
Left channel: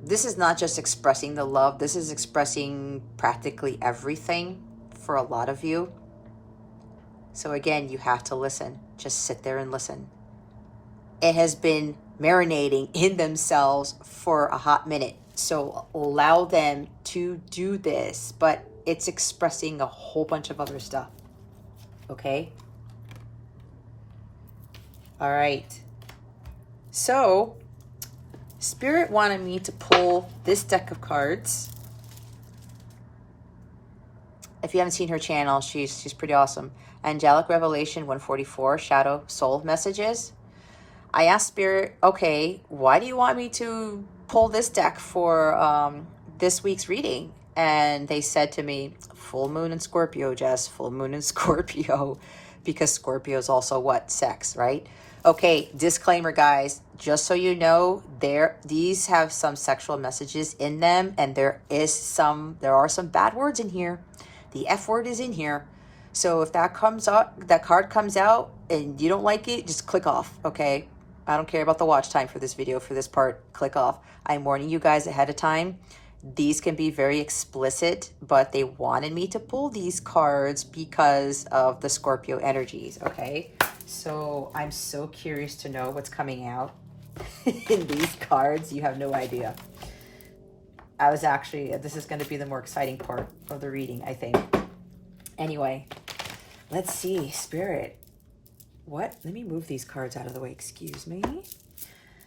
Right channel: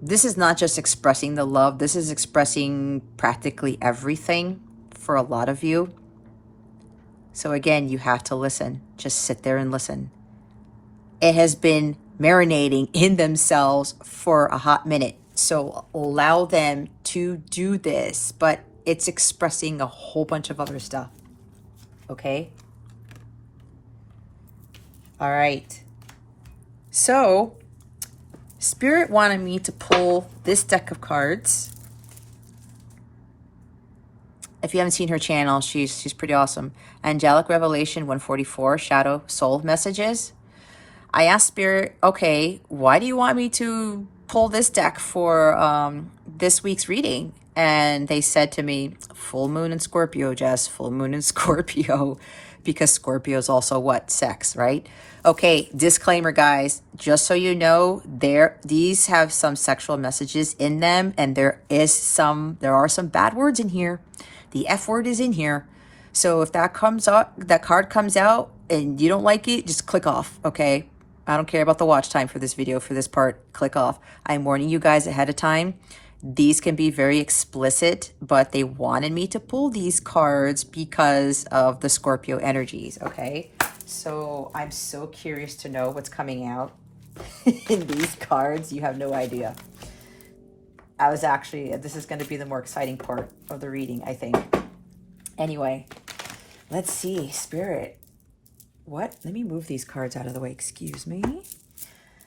This is not just expressing the love. This is expressing practically everything for a lot of you. So again, you have to listen. Just sit there and listen. It has been marinating in themselves for a hot minute. So allow them to do this, but it's expressing a whole bunch of other stuff. Okay? All right. So Spirit wanted me to pull this deck of cards. If you haven't seen her channel, she's pretty awesome. Angelic Revelation 144, Shadow Soul Messages. I asked Spirit, okay, why do you want me to pull this deck for this week's reading? And they said to me, full moon in Scorpio, Jess, full moon in Scorpio, because Scorpio is also what? Sex, right? Okay, disclaimer, guys, just so you know, these have some sexual messages in them, and there are some bad words in here. The F word is in here. So if that card comes out and you don't like it, just click off, okay? I don't care about the watch time for this video, for this part, click off. I'm warning you guys ahead of time. These can be very explicit, but they wanted me to pull these cards because of the Scorpio energies, okay? So I'm so curious to know what's coming out in these cards. You have no idea. This is going to be the more exciting part of the reading, I think. Anyway, let's see, Spirit. What? Let me move these cards out of the way. Excuse me.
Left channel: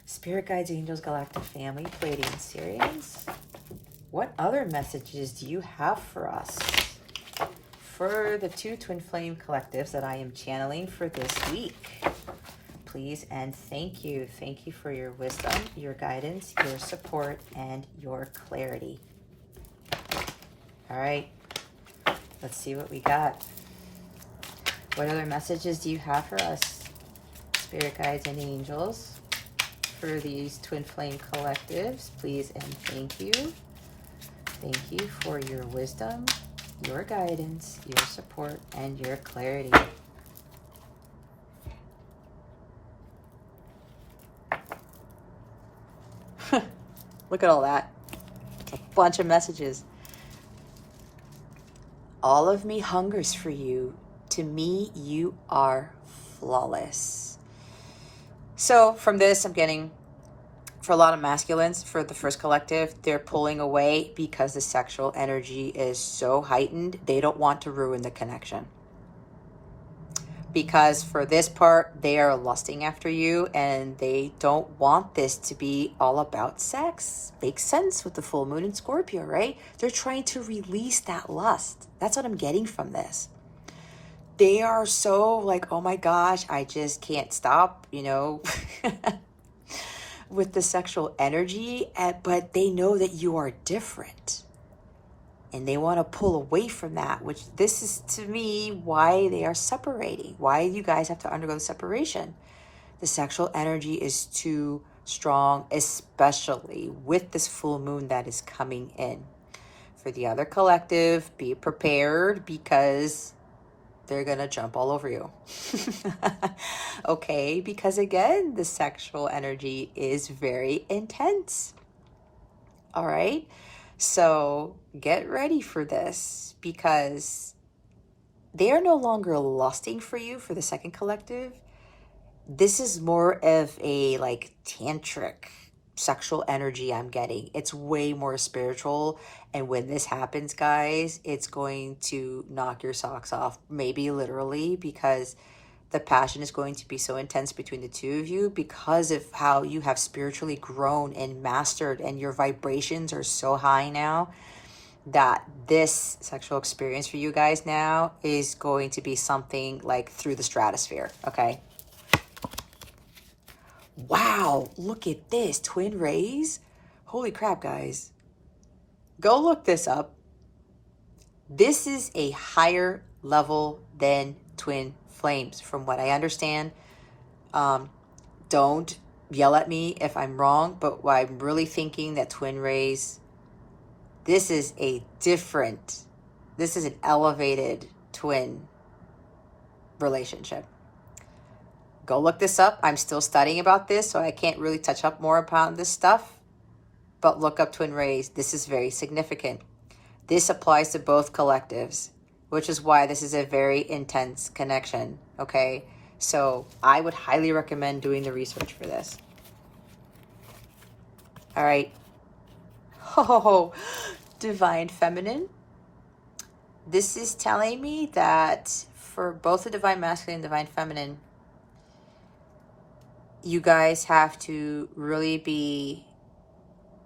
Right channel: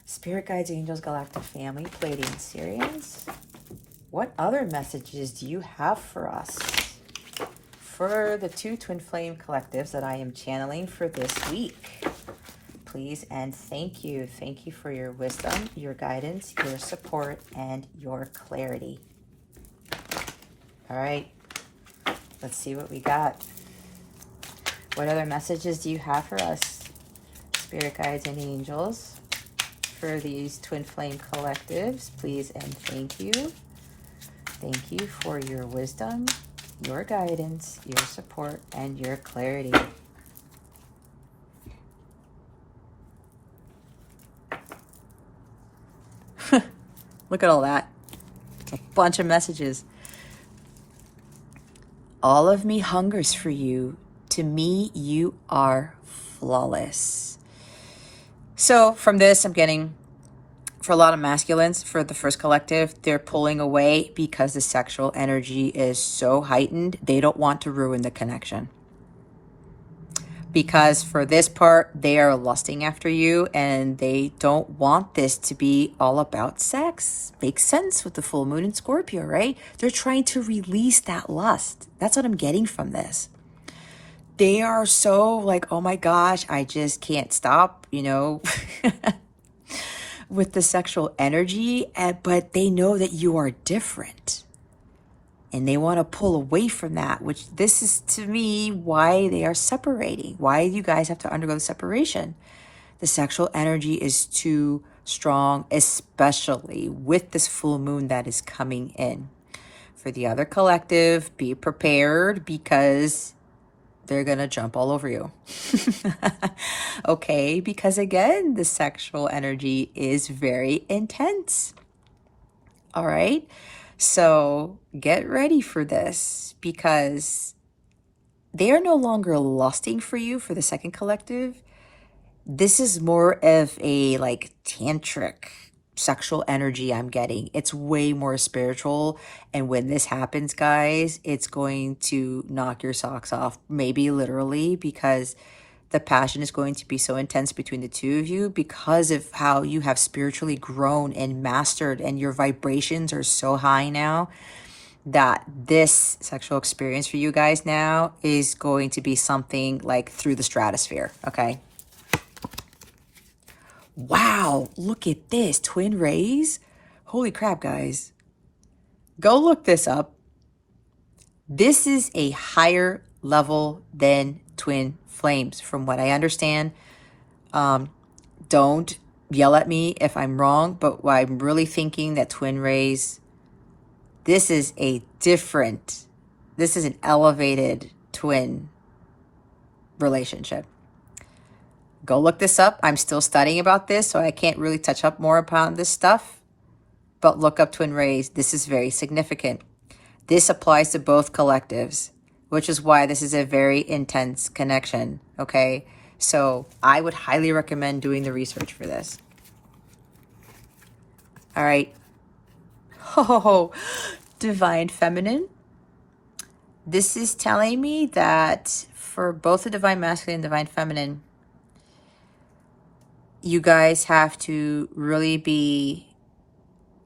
Spirit Guides, Angels, Galactic Family, Pleiadian series. What other messages do you have for us? For the 2 Twin Flame collectives that I am channeling for this week. Please and thank you. Thank you for your wisdom, your guidance, your support, and your clarity. All right. Let's see what we got. What other messages do you have for us, Spirit Guides and Angels, for these Twin Flame collectives? Please and thank you. Thank you for your wisdom, your guidance, your support, and your clarity. Look at all that. A bunch of messages. All of me hungers for you. To me, you are flawless. So from this, I'm getting, for a lot of masculines, for the first collective, they're pulling away because the sexual energy is so heightened. They don't want to ruin the connection. Because for this part, they are lusting after you and they don't want this to be all about sex. Makes sense with the full moon in Scorpio, right? They're trying to release that lust. That's what I'm getting from this. They are so like, oh my gosh, I just can't stop, you know, with the sexual energy, but they know that you are different. And they want to pull away from that, which this is to me why they are separating, why you guys have to undergo the separation. The sexual energy is too strong, especially with this full moon that is coming in. For the other collective, be prepared because they're going to jump all over you. Okay, because again, the sexual energy is very intense. All right. So get ready for this because they are no longer lusting for you for the second collective. This is more of a like tantric sexual energy I'm getting. It's way more spiritual. And when this happens, guys, it's going to knock your socks off, maybe literally, because the passion is going to be so intense between the two of you because of how you have spiritually grown and mastered, and your vibrations are so high now that this sexual experience for you guys now is going to be something like through the stratosphere, okay? Wow, look at this, twin rays. Holy crap, guys. Go look this up. This is a higher level than twin flames, from what I understand. Don't yell at me if I'm wrong, but I'm really thinking that twin rays, this is an elevated twin relationship. Go look this up. I'm still studying about this, so I can't really touch up more upon this stuff, but look up twin rays. This is very significant. This applies to both collectives, which is why this is a very intense connection, okay? So I would highly recommend doing the research for this. All right. Oh, Divine Feminine. This is telling me that for both the Divine Masculine and Divine Feminine, you guys have to really be,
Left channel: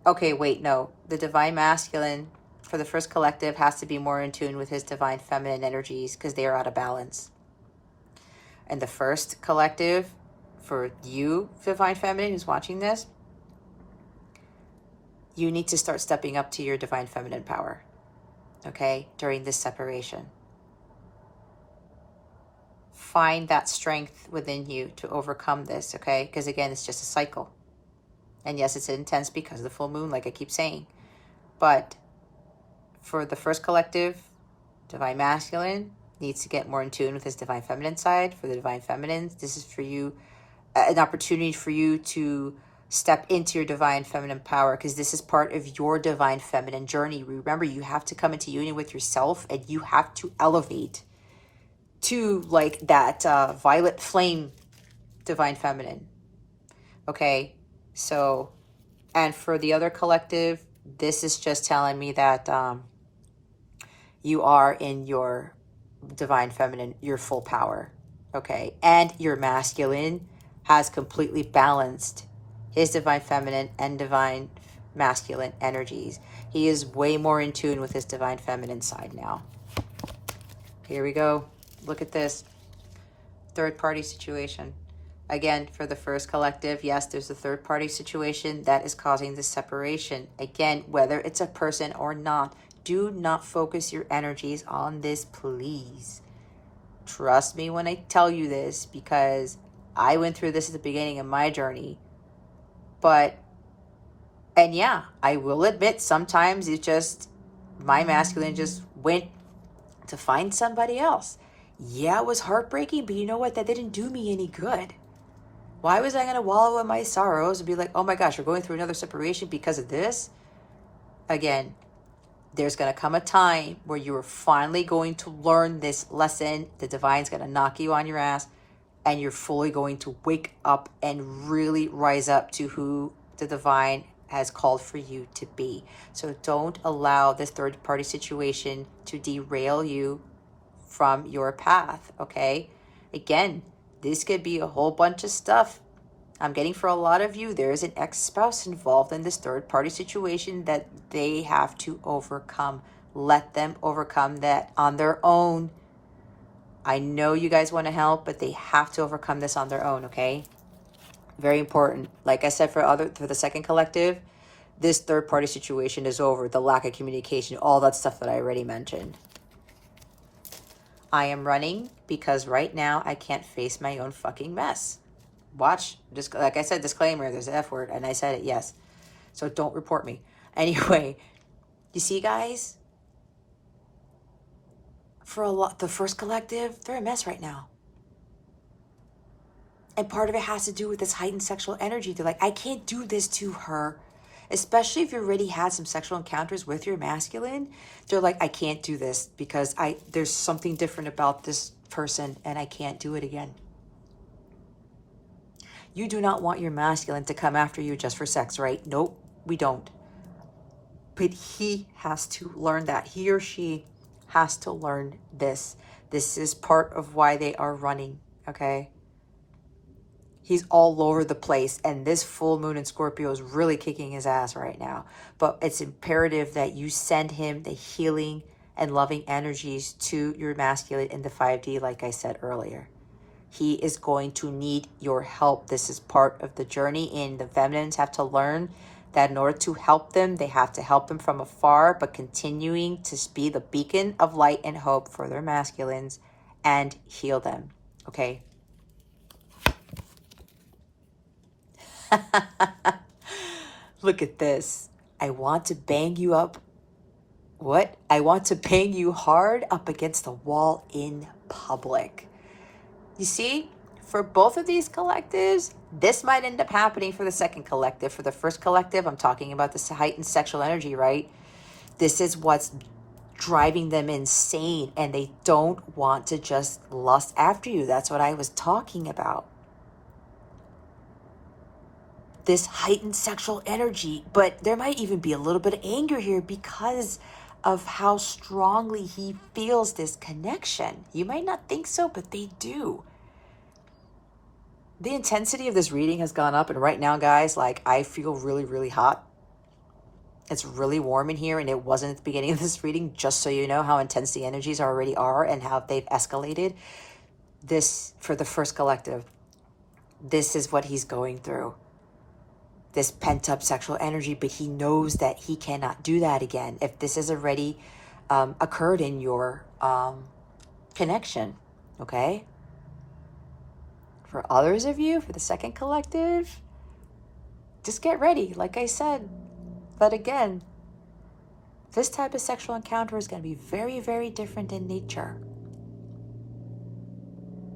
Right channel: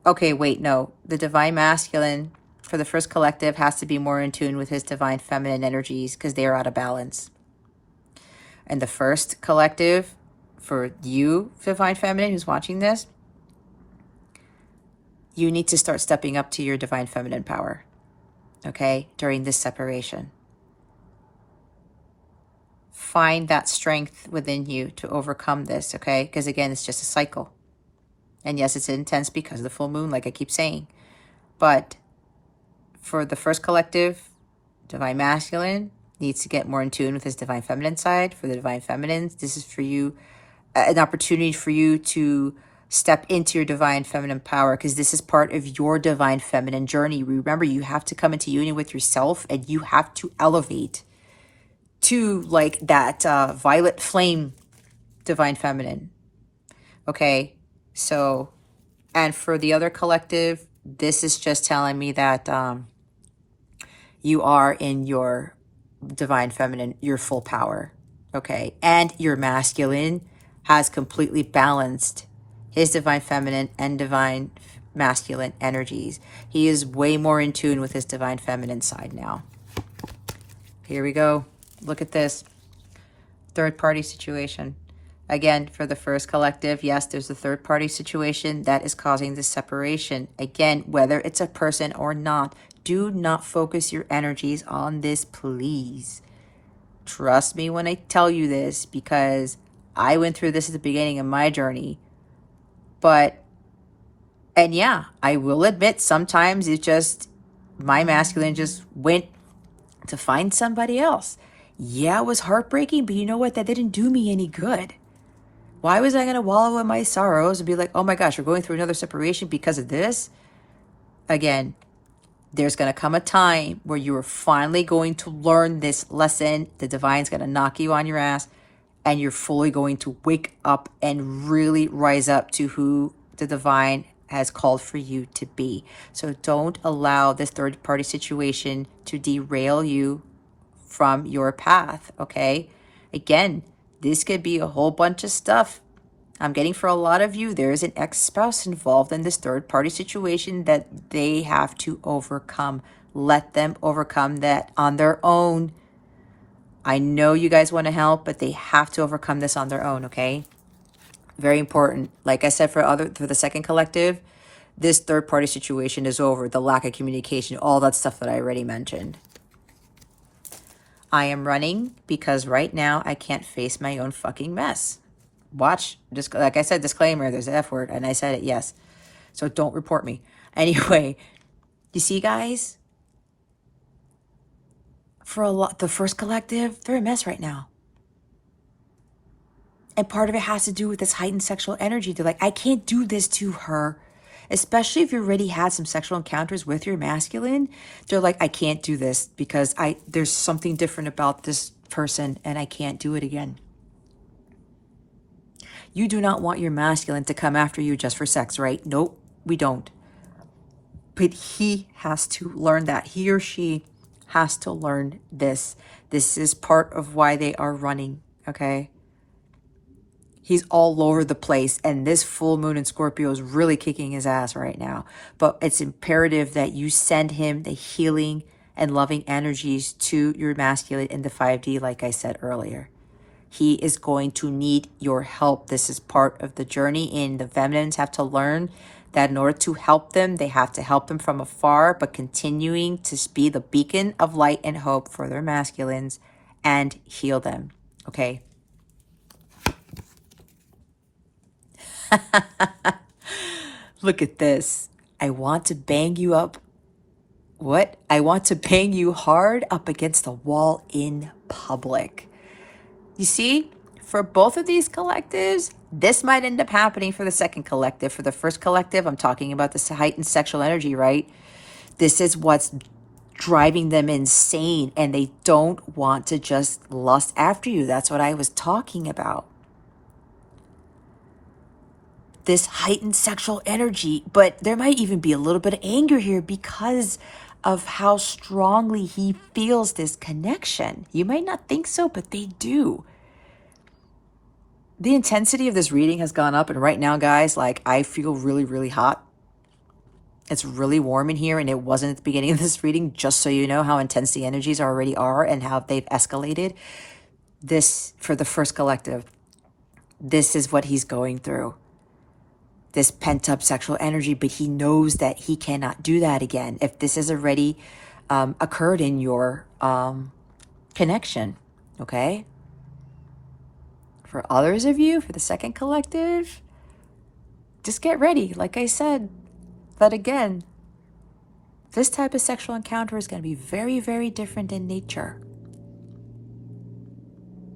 okay, wait, no. The Divine Masculine for the first collective has to be more in tune with his Divine Feminine energies because they are out of balance. And the first collective, for you, Divine Feminine, who's watching this, you need to start stepping up to your Divine Feminine power, okay, during this separation. Find that strength within you to overcome this, okay? Because again, it's just a cycle. And yes, it's intense because of the full moon, like I keep saying. But for the first collective, Divine Masculine needs to get more in tune with his Divine Feminine side. For the Divine Feminine, this is for you, an opportunity for you to step into your Divine Feminine power, because this is part of your Divine Feminine journey. Remember, you have to come into union with yourself and you have to elevate to like that violet flame Divine Feminine. Okay, so, and for the other collective, this is just telling me that you are in your Divine Feminine, your full power. okay? And your masculine has completely balanced his divine feminine and divine masculine energies. He is way more in tune with his divine feminine side now. Here we go. Look at this. Third party situation. Again, for the first collective, yes, there's a third party situation that is causing this separation. Again, whether it's a person or not, do not focus your energies on this, please. Trust me when I tell you this, because I went through this at the beginning of my journey. And yeah, I will admit sometimes it just, my masculine just went to find somebody else. Yeah, it was heartbreaking, but you know what? That didn't do me any good. Why was I going to wallow in my sorrows and be like, oh my gosh, you're going through another separation because of this? Again, there's going to come a time where you are finally going to learn this lesson. The divine's going to knock you on your ass, and you're fully going to wake up and really rise up to who the divine has called for you to be. So don't allow this third party situation to derail you from your path, okay? Again, this could be a whole bunch of stuff. I'm getting for a lot of you, there is an ex-spouse involved in this third party situation that they have to overcome. Let them overcome that on their own. I know you guys want to help, but they have to overcome this on their own, okay? Very important. Like I said, for the second collective, this third party situation is over. The lack of communication, all that stuff that I already mentioned. I am running because right now I can't face my own fucking mess. Watch, just like I said, disclaimer, there's an F word, and I said it, yes. So don't report me. Anyway, you see, guys, for the first collective, they're a mess right now. And part of it has to do with this heightened sexual energy. They're like, I can't do this to her. Especially if you already had some sexual encounters with your masculine, they're like, I can't do this because there's something different about this person and I can't do it again. You do not want your masculine to come after you just for sex, right? Nope, we don't. But he has to learn that. He or she has to learn this. This is part of why they are running, okay? He's all over the place, and this full moon in Scorpio is really kicking his ass right now. But it's imperative that you send him the healing and loving energies to your masculine in the 5D, like I said earlier. He is going to need your help. This is part of the journey, and the feminines have to learn that in order to help them, they have to help them from afar, but continuing to be the beacon of light and hope for their masculines and heal them, okay? Look at this. I want to bang you up. What? I want to bang you hard up against the wall in public. You see, for both of these collectives, this might end up happening for the second collective. For the first collective, I'm talking about this heightened sexual energy, right? This is what's driving them insane, and they don't want to just lust after you. That's what I was talking about. This heightened sexual energy, but there might even be a little bit of anger here because of how strongly he feels this connection. You might not think so, but they do. The intensity of this reading has gone up, and right now, guys, like, I feel really, really hot. It's really warm in here, and it wasn't at the beginning of this reading, just so you know how intense the energies already are and how they've escalated. This, for the first collective, this is what he's going through. This pent-up sexual energy, but he knows that he cannot do that again if this has already occurred in your connection, okay? For others of you, for the second collective, just get ready. Like I said, but again, this type of sexual encounter is going to be very, very different in nature.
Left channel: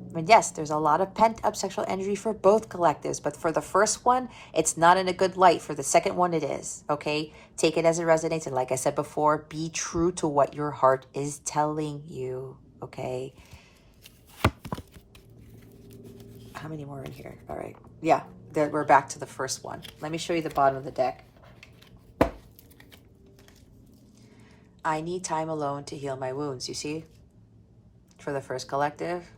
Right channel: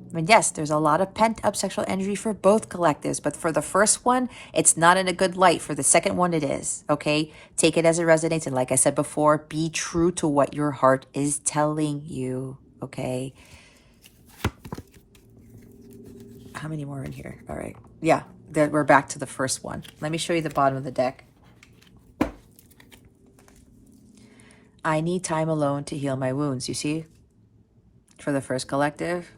I mean, yes, there's a lot of pent-up sexual energy for both collectives, but for the first one, it's not in a good light. For the second one, it is, okay? Take it as it resonates, and like I said before, be true to what your heart is telling you, okay? How many more in here? All right. Yeah, we're back to the first one. Let me show you the bottom of the deck. I need time alone to heal my wounds, you see? For the first collective.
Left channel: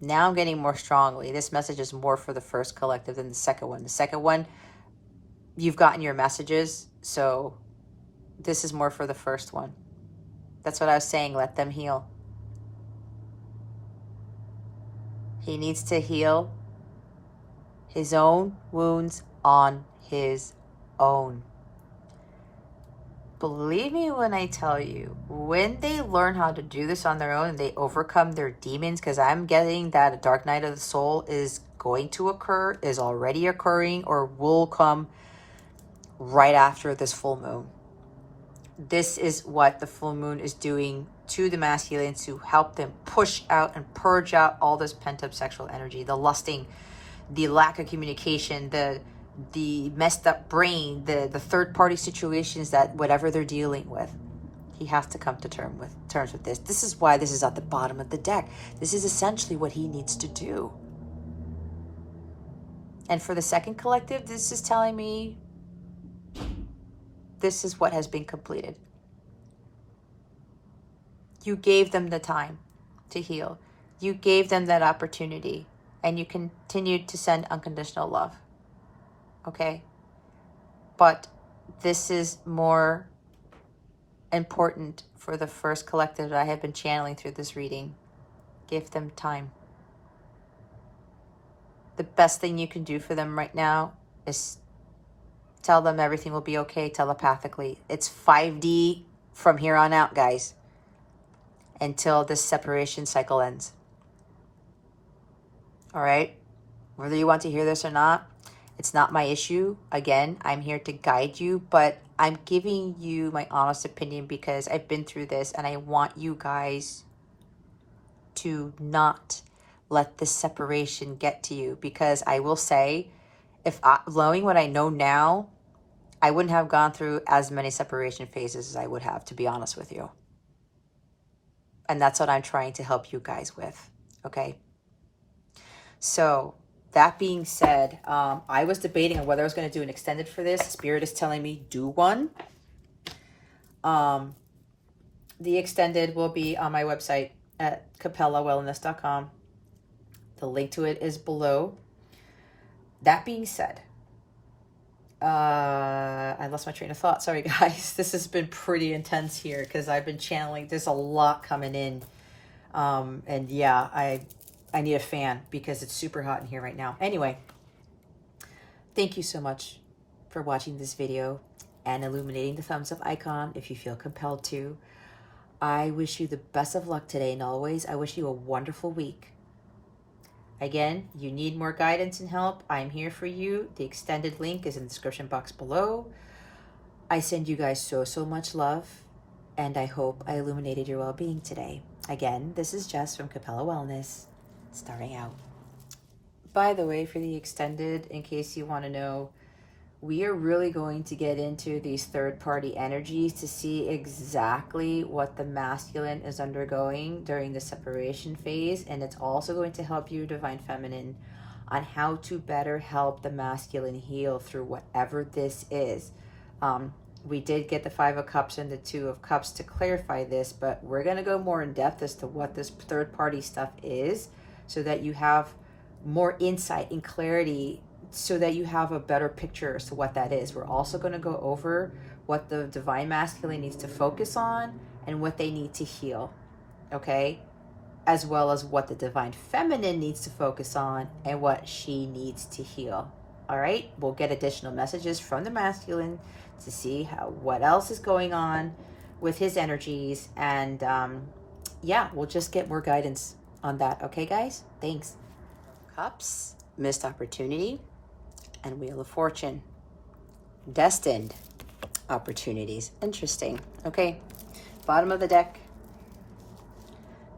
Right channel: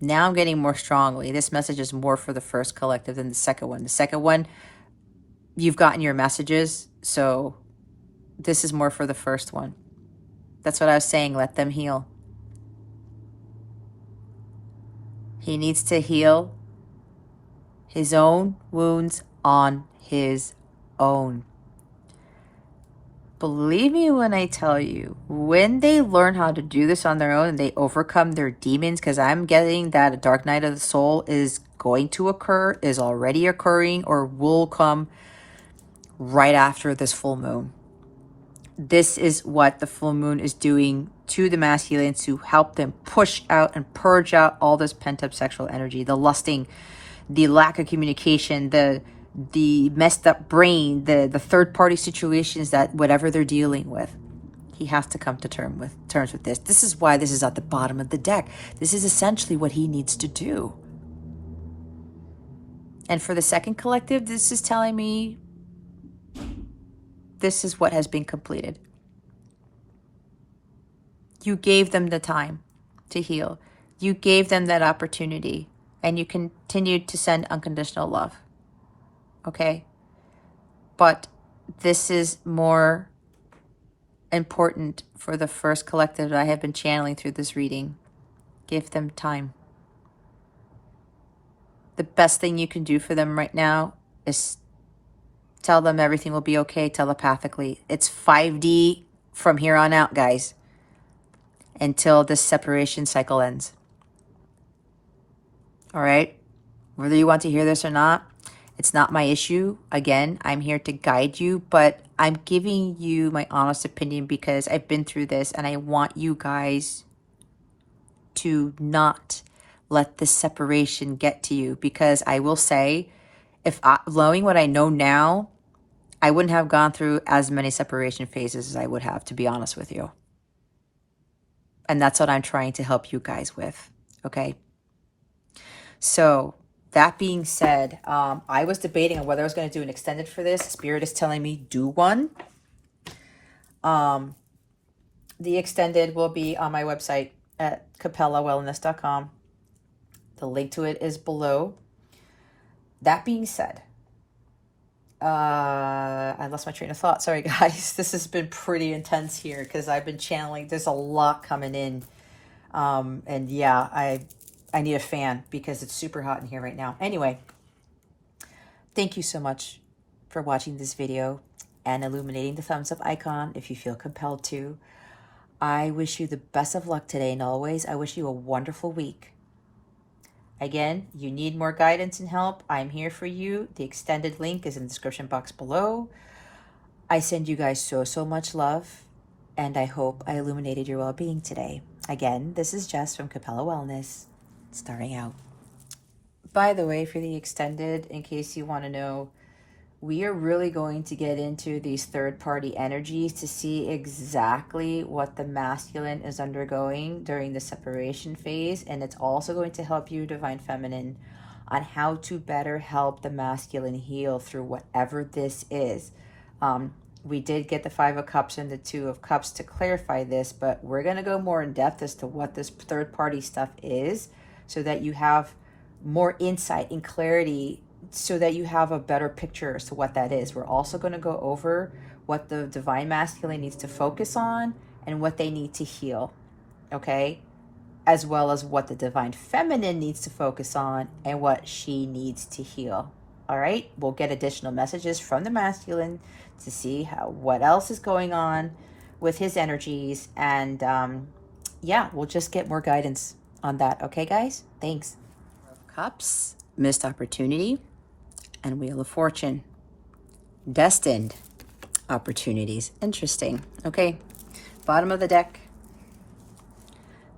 Now I'm getting more strongly. This message is more for the first collective than the second one. The second one, you've gotten your messages, so this is more for the first one. That's what I was saying. Let them heal. He needs to heal his own wounds on his own. Believe me when I tell you, when they learn how to do this on their own and they overcome their demons, because I'm getting that a dark night of the soul is going to occur, is already occurring, or will come right after this full moon. This is what the full moon is doing to the masculine to help them push out and purge out all this pent-up sexual energy, the lusting, the lack of communication, the messed up brain, the third-party situations, that whatever they're dealing with, he has to come to terms with this. This is why this is at the bottom of the deck. This is essentially what he needs to do. And for the second collective, this is telling me this is what has been completed. You gave them the time to heal. You gave them that opportunity, and you continued to send unconditional love. Okay? But this is more important for the first collective that I have been channeling through this reading. Give them time. The best thing you can do for them right now is tell them everything will be okay telepathically. It's 5D from here on out, guys, until this separation cycle ends. All right? Whether you want to hear this or not, it's not my issue. Again, I'm here to guide you, but I'm giving you my honest opinion because I've been through this, and I want you guys to not let this separation get to you, because I will say, knowing what I know now, I wouldn't have gone through as many separation phases as I would have, to be honest with you. And that's what I'm trying to help you guys with, okay? So that being said, I was debating on whether I was going to do an extended for this. Spirit is telling me do one. The extended will be on my website at capellawellness.com. The link to it is below. That being said, I lost my train of thought. Sorry, guys. This has been pretty intense here because I've been channeling. There's a lot coming in. And yeah, I need a fan because it's super hot in here right now. Anyway, thank you so much for watching this video and illuminating the thumbs up icon if you feel compelled to. I wish you the best of luck today and always. I wish you a wonderful week. Again, you need more guidance and help, I'm here for you. The extended link is in the description box below. I send you guys so much love, and I hope I illuminated your well-being today. Again, this is Jess from Capella Wellness, starting out. By the way, for the extended, in case you want to know, we are really going to get into these third-party energies to see exactly what the masculine is undergoing during the separation phase, and it's also going to help you, Divine Feminine, on how to better help the masculine heal through whatever this is. We did get the 5 of Cups and the 2 of Cups to clarify this, but we're going to go more in depth as to what this third-party stuff is so that you have more insight and clarity, so that you have a better picture as to what that is. We're also going to go over what the Divine Masculine needs to focus on and what they need to heal, okay? As well as what the Divine Feminine needs to focus on and what she needs to heal, all right? We'll get additional messages from the masculine to see what else is going on with his energies, and yeah, we'll just get more guidance on that, okay, guys? Thanks. Cups, missed opportunity, and Wheel of Fortune, destined opportunities. Interesting. Okay, bottom of the deck,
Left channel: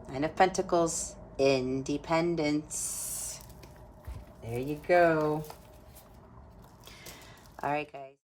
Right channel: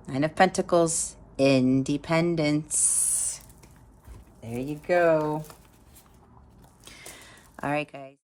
9 of Pentacles, independence. There you go. All right, guys.